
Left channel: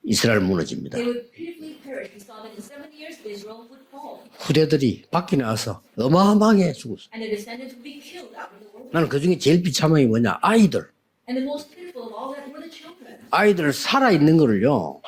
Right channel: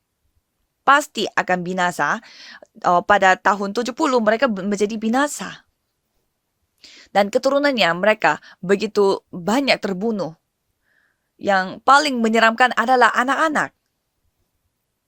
이스라엘 무너집니다. Pasti akan binasa. Pada tahun 70 mereka menjadi 부대들이 밖에 binasa. 나와서 어마어마하게 죽고. Dan keturunannya mereka begitu 그중에 제일 banyak 비참한 게 terbunuh. 뭐냐? 아이들. Yang paling menyeramkan adalah 아이들 anak-anak. 살아있는 거를요.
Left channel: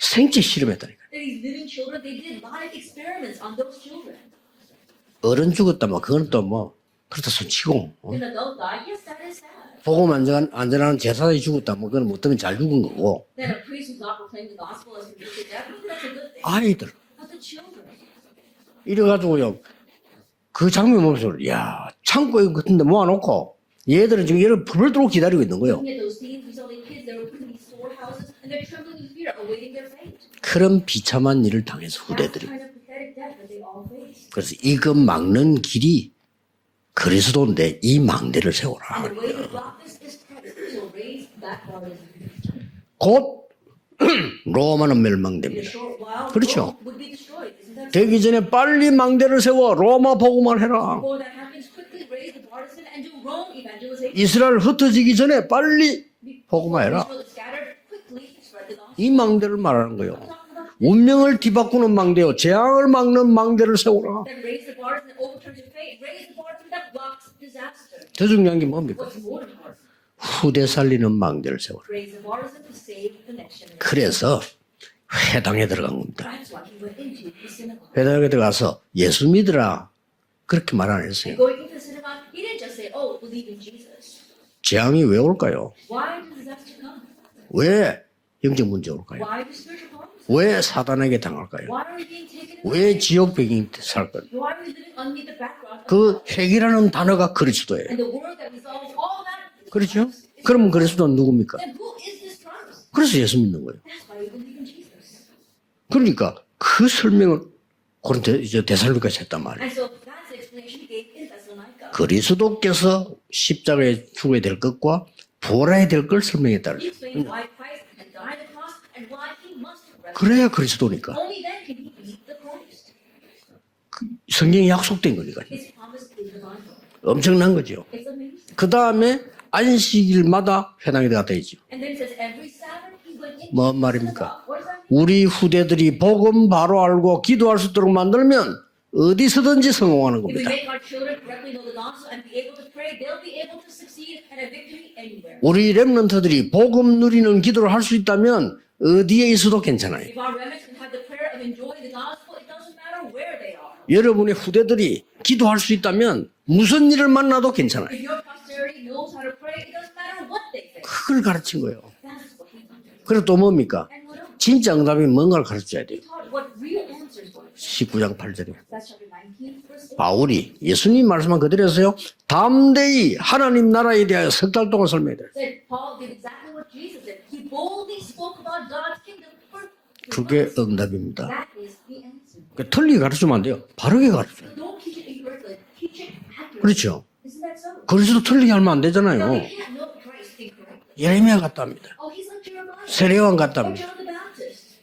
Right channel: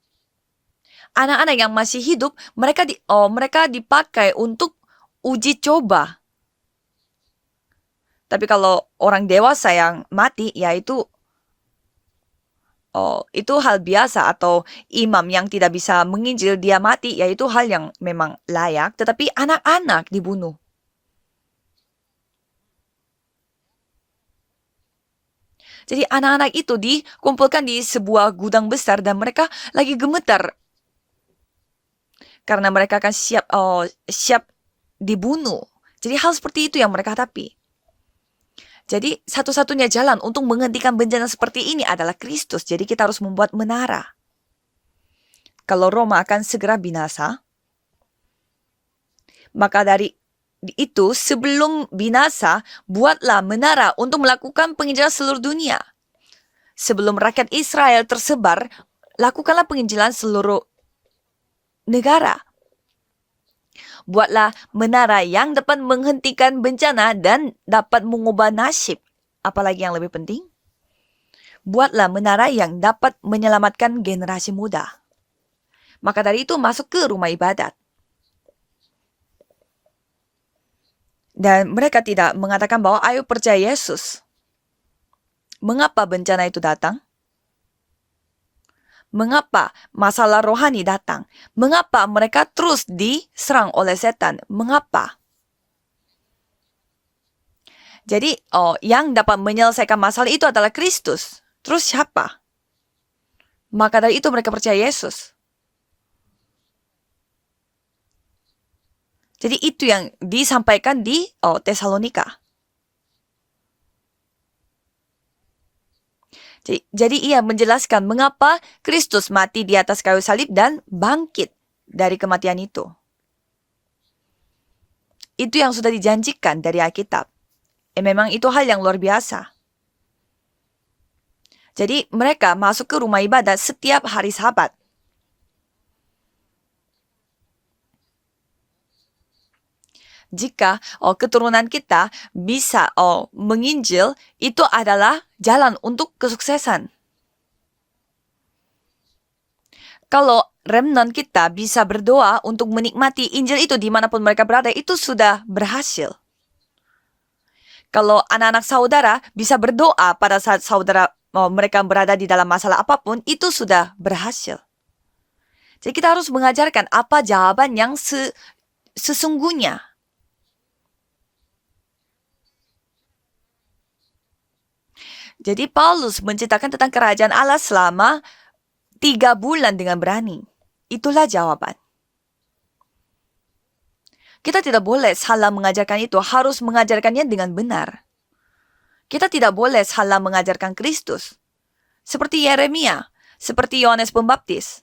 생체 실험했다. Anak-anak yang masih hidup, mereka dipakai untuk 어른 uji 죽었다면 coba. 그건 또 뭐 그렇다 손치고. Tapi kalau orang dewasa yang 보고만 mati, 안전한 yaitu 제사장이 죽었다. 뭐 그건 어떤 잘 죽은 거고. itu hal biasa. Atau imam yang tidak bisa menginjil, dia mati, yaitu hal yang memang layak. Tetapi 이래가지고요. anak-anak dibunuh. 그 장면 보면서 야 창고에 같은데 모아놓고 얘들은 지금 얘를 불을 들고 기다리고 있는 거예요. Jadi anak-anak itu dikumpulkan di sebuah gudang besar dan mereka lagi gemetar 그런 비참한 일을 당해서 후대들이. karena mereka akan siap 그래서 이거 dibunuh. 막는 길이 Jadi hal seperti itu yang mereka hadapi. 그리스도인데 이 망대를 세워라. Jadi satu-satunya jalan untuk menghentikan bencana seperti ini adalah Kristus. Jadi kita harus membuat menara. 로마는 멸망됩니다. Kalau Roma akan 그렇죠. segera binasa, 되기 전에 빨리 망대를 세워 maka dari 로마 보고만 해라. itu sebelum binasa, buatlah menara untuk 이스라엘 melakukan penginjilan 흩어지기 전에 seluruh dunia. 빨리 보고만 해라. Sebelum rakyat Israel tersebar, 이 망대를 lakukanlah 말하는 penginjilan 거예요. seluruh. 운명을 뒤바꾸는 negara. 망대, 재앙을 막는 망대를 세워라. Buatlah menara yang dapat menghentikan bencana dan dapat mengubah yang nasib. Apalagi yang lebih penting, 후대 살리는 망대를 세워. buatlah menara yang dapat menyelamatkan 그래서 generasi muda. 회당에 들어간 Maka 겁니다. dari itu masuk ke rumah ibadat. 회당에 들어가서 예수 믿으라 그렇게 말 안 했어요. Dan mereka tidak mengatakan bahwa ayo percaya Yesus. 재앙이 왜 올까요? Mengapa bencana itu datang? 왜 영적 문제 올까요? Mengapa masalah 왜 rohani 사단에게 datang? 당할까요? Mengapa mereka terus 왜 지옥 diserang 배경이 oleh 살 setan? Mengapa? 그 핵이라는 단어가 그리스도예요. Jadi yang dapat menyelesaikan 그렇죠? masalah itu 그럼 adalah 그리스도는 Kristus. 누굽니까? Terus siapa? 그래서 예수 믿는 거예요. Maka dari itu mereka percaya Yesus. 그러니까 그 설명을 고린도 이제 데살로니가서 했단 Jadi 말이에요. itu yang disampaikan di Tesalonika. 그리스도께서 십자가에 죽어야 될 것과 부활해야 될 걸 설명했다. Jadi ia menjelaskan mengapa Kristus mati di atas kayu salib dan bangkit dari kematian itu. 성경에 약속된 거니까. Itu yang sudah dijanjikan dari Alkitab. 엄청난 거죠. Memang itu hal yang luar 그다음에 biasa. 안식일마다 회당에 들어갔다 있지. Jadi mereka masuk ke rumah ibadah 뭐 setiap 말입니까? hari Sabat. 우리 후대들이 복음 바로 알고 기도할 수 있도록 만들면 어디서든지 성공하는 겁니다. Jika keturunan kita bisa menginjil, itu adalah 우리 jalan untuk 렘넌트들이 kesuksesan. 복음 누리는 기도를 할 수 있다면 어디에 있어도 괜찮아요. Kalau remnant kita bisa berdoa untuk menikmati Injil itu dimanapun 여러분의 mereka berada, 후대들이 itu sudah 기도할 수 berhasil. 있다면 무슨 일을 만나도 괜찮아요. Kalau anak-anak saudara bisa berdoa pada saat saudara 그걸 가르쳐요. mereka berada di dalam masalah apapun, 그래도 itu 뭡니까? sudah berhasil. 진짜 응답이 뭔가를 가르쳐야 Jadi 돼요. kita harus mengajarkan apa jawaban yang 19장 8절에. sesungguhnya. 바울이 예수님 말씀한 그대로 했어요. 담대히 하나님 나라에 대하여 석 달 동안 설명해요. Jadi Paulus menceritakan tentang kerajaan Allah selama 3 bulan dengan berani. 그게 응답입니다. Itulah jawaban. 틀리게 가르치면 안 돼요. 바르게 가르쳐. Kita tidak boleh salah mengajarkan itu, harus mengajarkannya dengan benar. 그리스도 틀리게 하면 안 되잖아요. Kita tidak boleh salah mengajarkan Kristus. 예레미야 같다 합니다. Seperti Yeremia, 세례요한 같다. seperti Yohanes Pembaptis,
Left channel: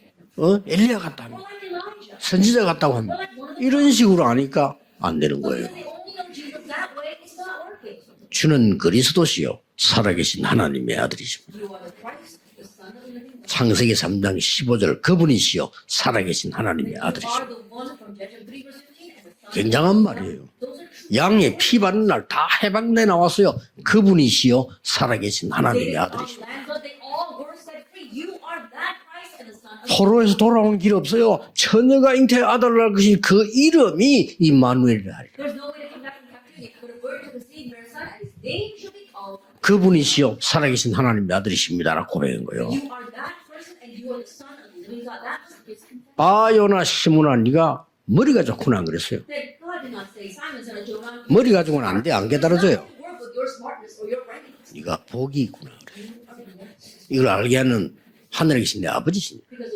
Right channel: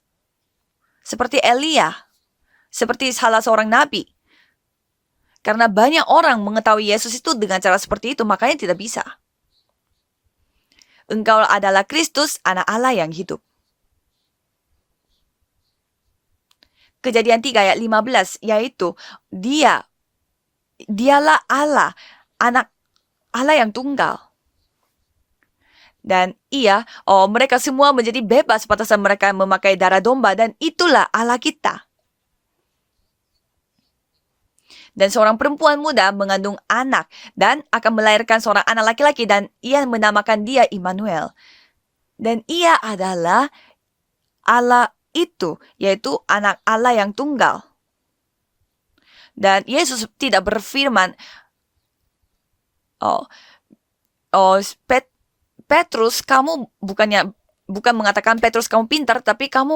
엘리야 같다. seperti Elia. 선지자 같다. seperti salah seorang 이런 nabi. 식으로 하니까 안 되는 거예요. Karena banyak orang mengetahui Yesus itu dengan cara seperti itu, makanya 주는 tidak bisa. 그리스도시요 살아계신 하나님의 아들이시요. Engkau adalah Kristus, anak Allah yang hidup. 창세기 3장 15절 그분이시요 살아계신 하나님의 아들. Kejadian 3 ayat 15, yaitu dia, 굉장한 말이에요. dialah 양의 피 Allah, 바른 날다 anak 해방돼 나왔어요. Allah yang tunggal. 그분이시요 살아계신 하나님의 아들. Dan mereka semua menjadi bebas pada saat mereka memakai darah domba, 서로에서 dan 돌아올 길 itulah 없어요. Allah kita. 처녀가 잉태의 아들을 낳을 것이 그 이름이 임마누엘. Dan seorang perempuan muda mengandung anak dan akan melahirkan seorang anak laki-laki, dan ia menamakan 그분이시요 dia 살아계신 Immanuel. 하나님의 아들이십니다라고 Dan 하는 ia 거예요. adalah Allah itu, yaitu 아 anak 요나 Allah yang 시몬아 tunggal. 네가 머리가 좋구나 안 그랬어요. Dan Yesus tidak berfirman, 머리 가지고는 안 돼, 안 깨달아져요. 네가 복이 있구나. Petrus, kamu bukannya 이걸 알게 하는 bukan mengatakan 하늘의 Petrus kamu 신의 pintar, 아버지. tapi kamu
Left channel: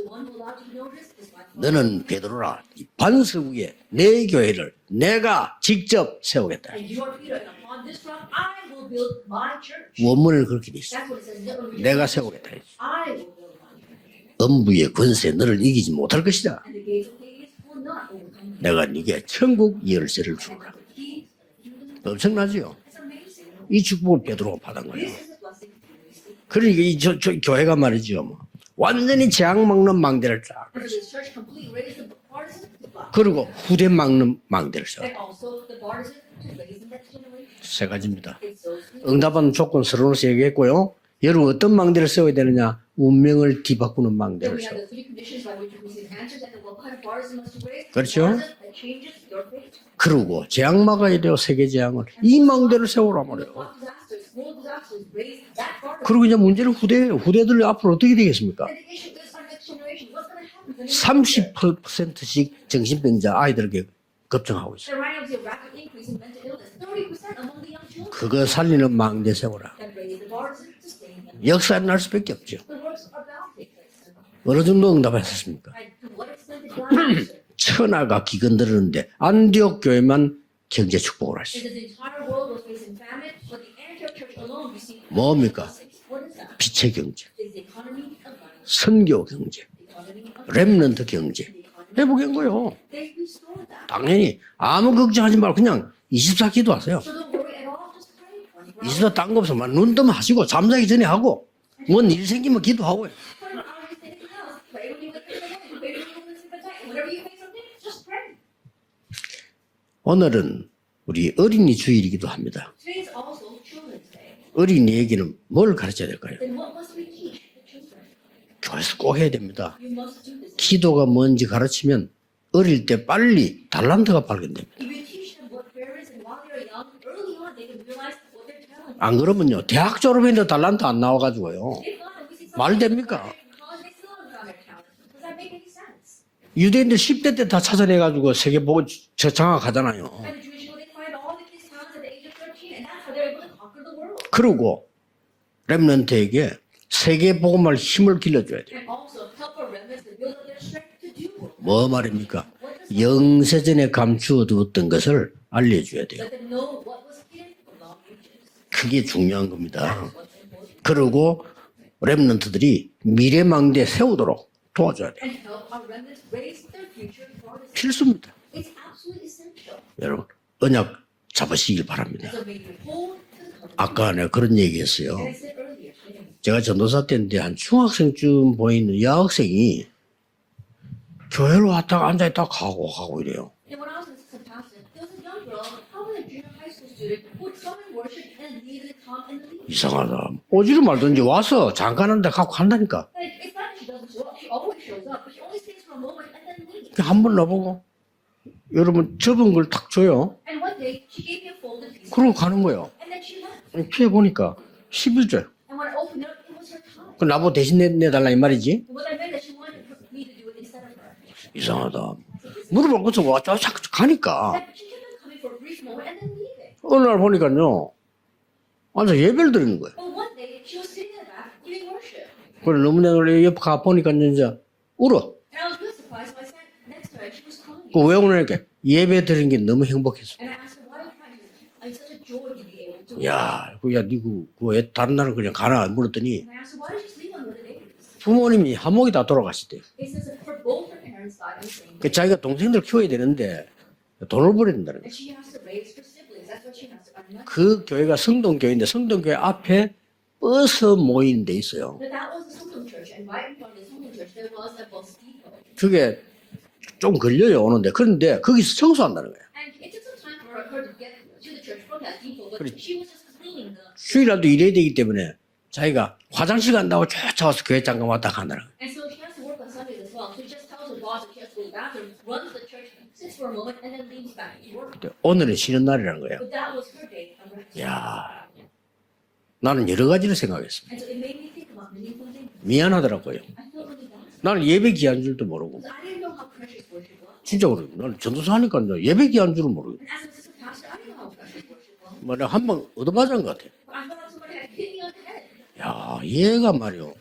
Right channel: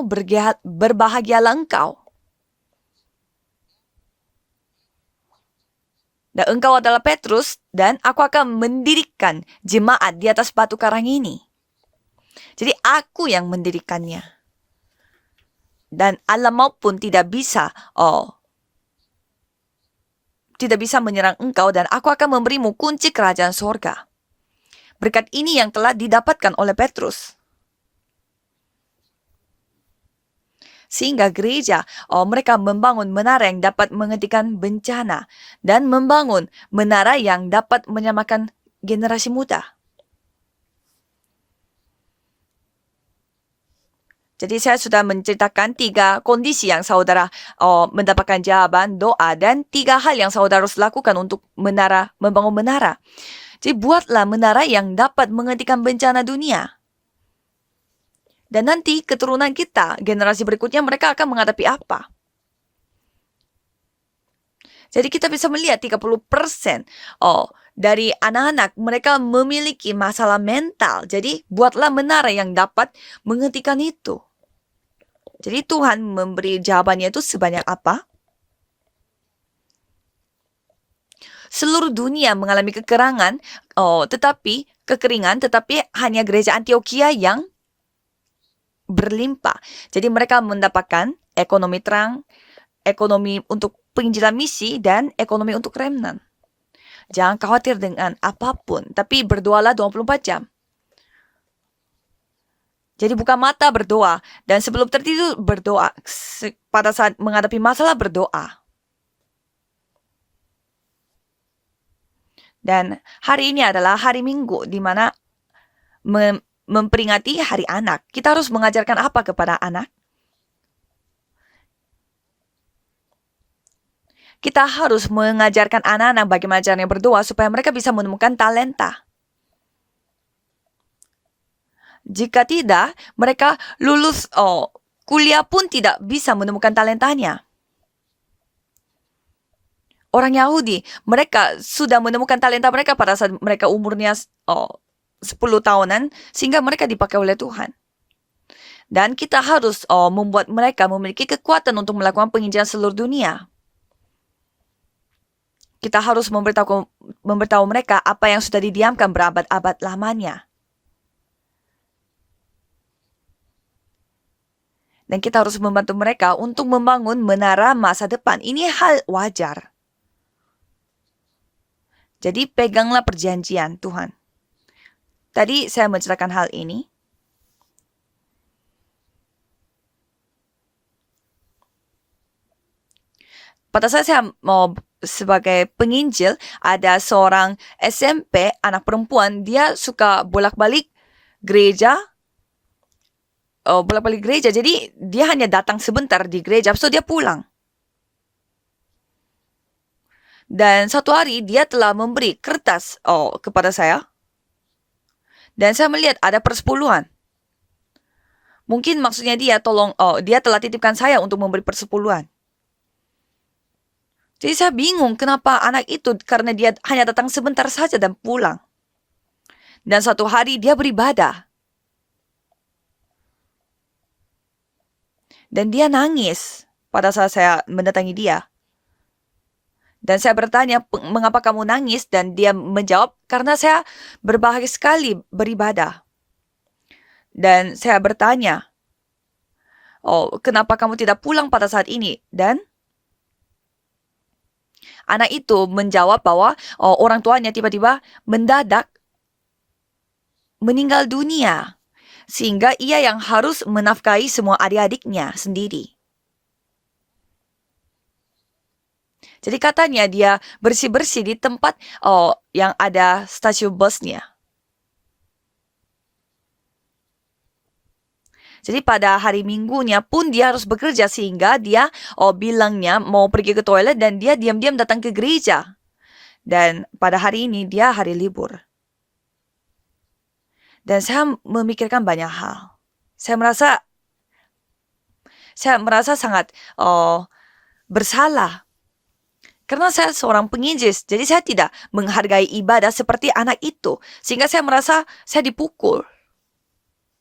berbahagialah engkau. 너는 베드로라 이 반석 위에 내 교회를 내가 직접 Dan 세워. engkau adalah Petrus, dan aku akan mendirikan jemaat di atas batu karang ini. 내가 세우겠다. Jadi aku yang mendirikannya. 음부의 권세 너를 이기지 Dan 못할 Allah 것이다. maupun tidak bisa 내가 네게 천국 열쇠를 줄게. tidak bisa menyerang engkau, dan aku akan memberimu kunci kerajaan 이 surga. 축복을 베드로가 받은 거예요. Berkat ini yang telah didapatkan oleh 그러니까 이 Petrus. 교회가 말이죠. 뭐. 완전히 재앙 먹는 망대를 쫙. Sehingga gereja mereka membangun 그리고 menara yang dapat 후대 막는 menghentikan 망대를 bencana, dan membangun menara yang dapat 세 가지입니다. menyamakan generasi 응답은 muda. 조건 서로로서 얘기했고요. 여러분 어떤 망대를 세워야 되느냐? 운명을 뒤바꾸는 망대. Jadi saya sudah menceritakan 3 kondisi yang saudara mendapatkan jawaban doa, dan 3 hal yang saudara harus lakukan untuk membangun menara. Jadi buatlah menara yang dapat menghentikan bencana dunia. 후대들 앞으로 어떻게 되겠습니까? Dan nanti keturunan kita, generasi berikutnya, mereka akan menghadapi apa? 38%씩 정신병자 아이들에게 걱정하고 있어요. Jadi kita bisa melihat 30% dari anak-anak mereka memiliki masalah mental. Jadi buatlah menara yang dapat menghentikan itu. 어느 정도 응답했습니다. Jadi Tuhan memberi jawabannya itu sebanyak apa? 천하가 기근들었는데 안디옥 교회만 경제 축복을 했어요. Seluruh dunia mengalami kekeringan, tetapi hanya gereja Antioquia yang berlimpah. Jadi mereka mendapatkan ekonomi terang, 회복한 거예요. ekonomi untuk penginjilan misi, dan 걱정하지 ekonomi 말고 untuk 그냥 remnant. 24 기도하세요. Jangan khawatir dengan apapun, 24 tapi 딱 berdoalah 눈도 24 jam. 마시고 잠자기 전에 하고 뭔 일 생기면 기도하고 Jadi buka mata berdoa, dan sebelum tertidur berdoa. Pada saat menghadapi masalah berdoa. 오늘은 우리 어린이 주일이기도 합니다. Dan hari ini adalah hari Minggu, di mana 어린이에게는 뭘 가르쳐야 돼요? memperingati hari anak. Kita harus mengajarkan apa kepada anak? 기도가 뭔지 가르치면 어릴 때 빨리 달란트가 Kita 발견돼요. harus mengajarkan anak-anak bagaimana caranya berdoa supaya mereka bisa menemukan talenta. 안 그러면요 대학 졸업했는데 달란트 안 나와가지고요. Jika tidak, 됩니까? mereka lulus kuliah pun tidak bisa menemukan 유대인들 talentanya. 10대 때 다 찾아내가지고 세계 보고 장악하잖아요. Orang Yahudi, mereka sudah menemukan talenta mereka pada saat mereka umurnya 그리고 10 tahunan, 렘넌트에게 sehingga mereka dipakai oleh 세계 Tuhan. 복음을 힘을 길러줘야 돼요. Dan kita harus membuat mereka memiliki kekuatan 뭐 untuk melakukan 말입니까? penginjilan seluruh dunia. 영세전에 감추어두었던 것을 알려줘야 Kita 돼요. harus memberitahu mereka apa yang sudah didiamkan 그게 berabad-abad 중요합니다. lamanya. 그리고 렘넌트들이 미래 망대 세우도록 도와줘야 Dan 돼. kita harus membantu mereka untuk membangun menara masa depan. Ini hal wajar. 여러분 언약 잡으시길 바랍니다. Jadi peganglah perjanjian 아까 Tuhan. 내가 그런 얘기했어요. Tadi saya menceritakan hal 제가 ini. 전도사 때인데 한 중학생쯤 보이는 여학생이 교회로 왔다가 앉아있다가 가고 이래요. Pada saat saya mau sebagai penginjil, ada seorang SMP, anak perempuan, dia suka 오지 bolak-balik 말든지 와서 gereja. 잠깐한데 가고 간다니까. Bolak-balik gereja. Jadi dia hanya datang sebentar di gereja, habis itu dia 한번 pulang. 나보고 여러분 접은 걸 탁 줘요. Dan satu hari dia telah memberi 가는 kertas kepada saya. 피해 보니까 11절. Dan saya melihat ada persepuluhan. 그 나보고 대신 내달라 이 말이지. Mungkin maksudnya dia dia telah titipkan saya untuk memberi persepuluhan. 물어볼 것도 와서 자꾸 가니까. Jadi saya bingung kenapa anak itu, karena dia hanya datang sebentar saja dan pulang. 완전 예배를 드리는 거야. Dan suatu hari dia beribadah. 그래 너무 내가 옆에 가 보니까 이제 울어. Dan dia nangis pada saat saya mendatangi 왜 dia. 그러니까 예배 드리는 게 너무 행복해. Dan saya bertanya, mengapa kamu nangis? Dan dia menjawab, karena saya berbahagia sekali beribadah. 물었더니 Dan saya bertanya, 부모님이 한목이 다 돌아가시대. kenapa kamu tidak pulang pada saat ini? 자기가 Dan 동생들 키워야 되는데 돈을 버린다. anak itu menjawab bahwa orang tuanya tiba-tiba mendadak 성동교회 앞에 버스 meninggal 모임이 dunia. 있어요. Sehingga ia yang harus menafkahi semua adik-adiknya sendiri. 그게 좀 걸려요 오는데 그런데 거기서 청소한다는 거예요. Jadi katanya dia bersih-bersih di tempat yang ada stasiun busnya. 휴일날도 일해야 되기 때문에 자기가 화장실 간다고 쫓아와서 교회 잠깐 왔다 가느라. Jadi pada hari Minggunya pun dia harus bekerja sehingga dia bilangnya mau pergi ke toilet dan dia diam-diam datang ke 오늘은 gereja. 쉬는 날이라는 거예요. Dan pada hari ini dia hari libur. 나는 여러 가지를 생각했어. Dan saya memikirkan banyak hal. 미안하더라고. Saya merasa 나는 예배 기한 줄도 모르고. saya merasa sangat 진짜 그래. bersalah. 하니까요. 예배 기한 줄은 karena saya seorang penginjil, jadi saya tidak menghargai ibadah seperti anak itu. Sehingga saya merasa saya dipukul. 야, 얘가 말이요.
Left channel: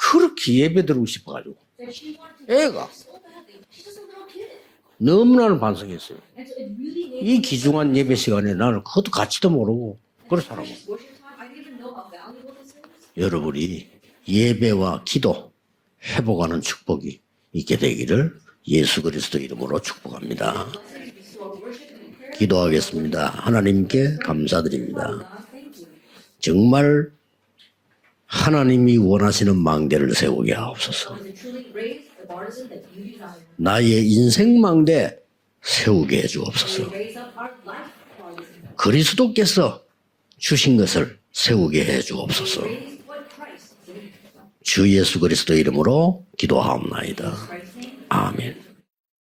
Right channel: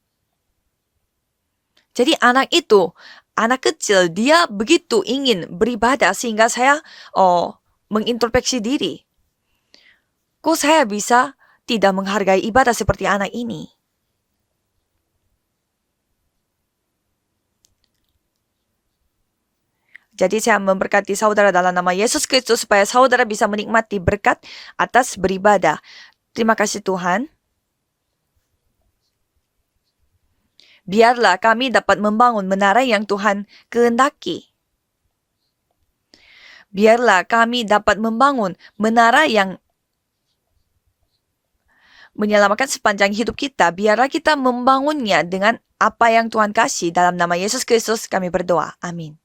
그렇게 예배 드리고 싶어가지고. Jadi anak itu, anak kecil, dia begitu ingin beribadah sehingga saya 이 귀중한 예배 시간에 mengintrospeksi 나는 diri. 그것도 가치도 모르고. Kok saya bisa tidak menghargai ibadah seperti anak ini? 여러분이 예배와 기도 회복하는 축복이 있게 되기를 예수 그리스도 이름으로 축복합니다. Jadi saya memberkati saudara dalam nama Yesus Kristus supaya saudara bisa menikmati berkat atas beribadah. Terima kasih Tuhan. 하나님이 원하시는 망대를 세우게 하옵소서. Biarlah kami dapat membangun menara yang Tuhan 나의 kehendaki. 인생 망대 세우게 해주옵소서. Biarlah kami dapat membangun menara yang 그리스도께서 주신 것을 세우게 menyelamatkan 해주옵소서. sepanjang hidup kita. Biarlah kita membangunnya 주 예수 그리스도 dengan 이름으로 apa yang Tuhan kasih. Dalam 기도하옵나이다. nama Yesus Kristus kami 아멘. berdoa. Amin.